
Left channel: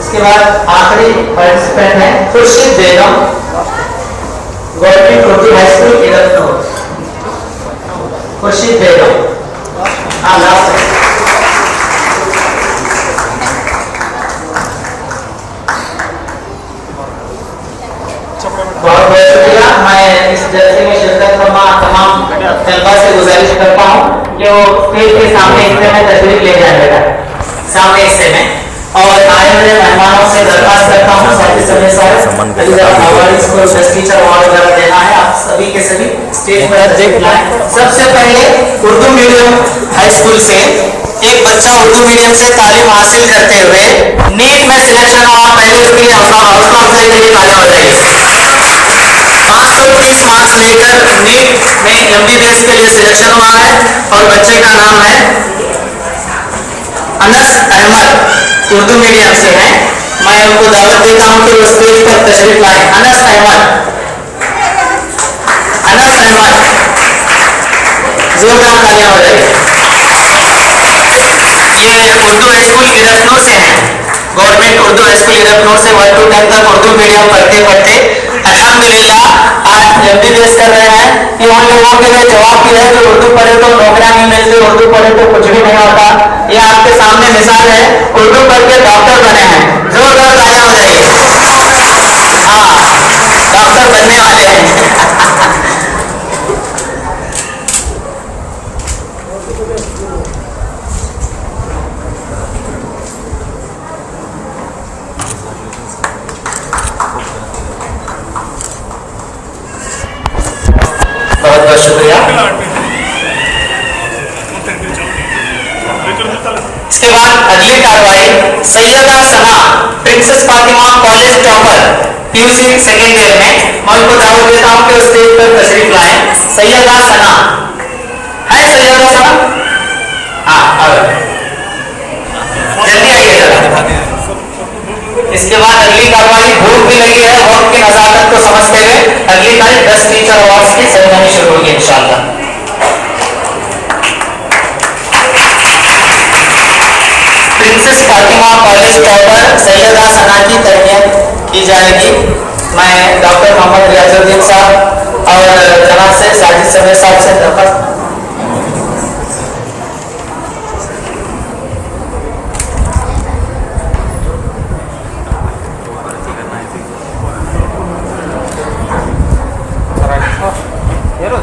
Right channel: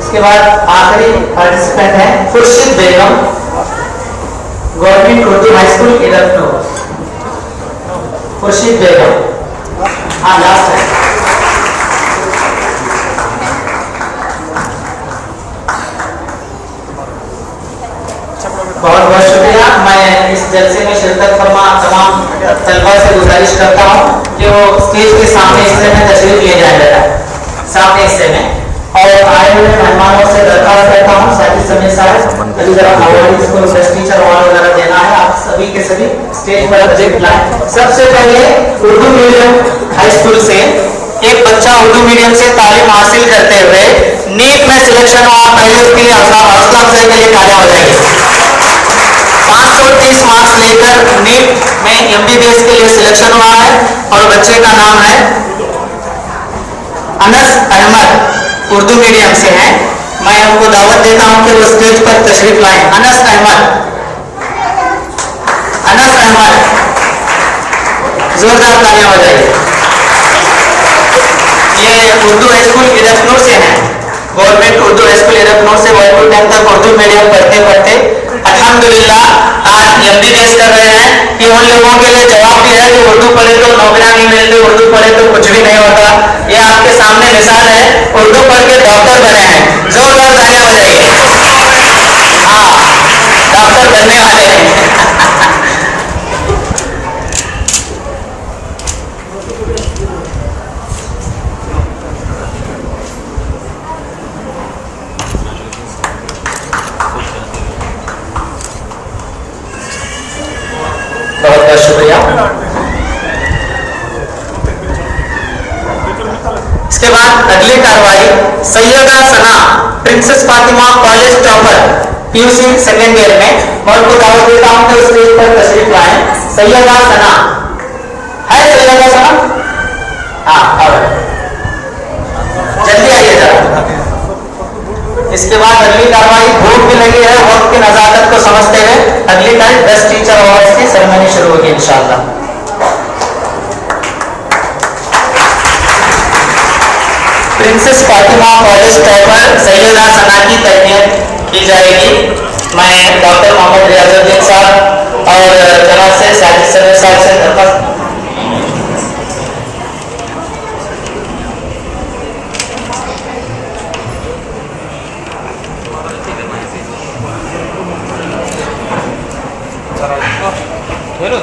इसके बाद आखिरी पार्टिसिपेंट है खुर्शीद बेगम, गवर्नमेंट उर्दू हाई स्कूल इधर। खुर्शीद बेगम, हाँ लास्ट है। बहुत बहुत शुक्रिया। मैं इस जलसे में शिरकत फरमा तमाम तलबा से गुजारिश करता हूँ कि वो स्टेज के सामने हिस्से में तशरीफ ले जाए बेटा, सामने हिस्से में। और आए हुए मेहमानों से दरख्वास्त करता हूँ साथी समय टीचर वगैरह देना है, आप सभी के सभी स्टेज पर तशरीफ लाएं। सबसे पहले उर्दू मीडियम हाई स्कूल से एक बच्चा उर्दू मीडियम से तालीम हासिल करते हुए नीट में सिलेक्शन हुआ। पहले उसके लिए हौसला अफजाई के लिए तालियां हो जाएगी। 530 मार्क्स लेकर नीट में MBBS के लिए सिलेक्शन हुआ है और बच्चे का नाम है अनस अहमद, उर्दू मीडियम से हैं। मैं उनको दावत देता हूं कि वो स्टेज पर तशरीफ लाएं। अनस अहमद, अनस अहमद, जोरदार तालियां हो जाएगी। ये उर्दू हाई स्कूल इरफनूर से हैं, गवर्नमेंट उर्दू हाई स्कूल इरफनूर से 1 to 10 तक उर्दू मीडियम पढ़ते पढ़ते अल्हम्दुलिल्लाह आज MBBS कर रहे हैं। कि उन लोगों के लिए जवाब भी है कि उर्दू पढ़े तो नौकरियां नहीं मिलती, उर्दू पढ़े तो कुछ भी नहीं होता। ये आपके सामने मिसाल है, उर्दू पढ़ के डॉक्टर बने हैं। जोरदार तालियां हो जाएगी। हाँ, डॉक्टर बनने वाले हैं। बहुत बहुत शुक्रिया। इसके बाद अगली कार्रवाई Syeda Sana, princess Fatima college topper, PUC second year में। मैं उनको दावत देता हूं कि उस स्टेज पर तशरीफ लाएं। सैयदा सना है, सैयदा सना, हाँ जल्दी आइए जरा। इसके बाद अगली कार्रवाई भूख भी लगी है, वक्त की नजाकत को समझते हुए अगली तारीख 10 टीचर अवार्ड्स की सेरेमनी शुरू होगी इंशाल्लाह। Princess Fatima college topper Syeda Sana की तरबियत की जाएगी। मैं डॉक्टर मोहम्मद रियाजुद्दीन साहब और जनाब से साजिद समीर साहब से दरख्वास्त। हेलो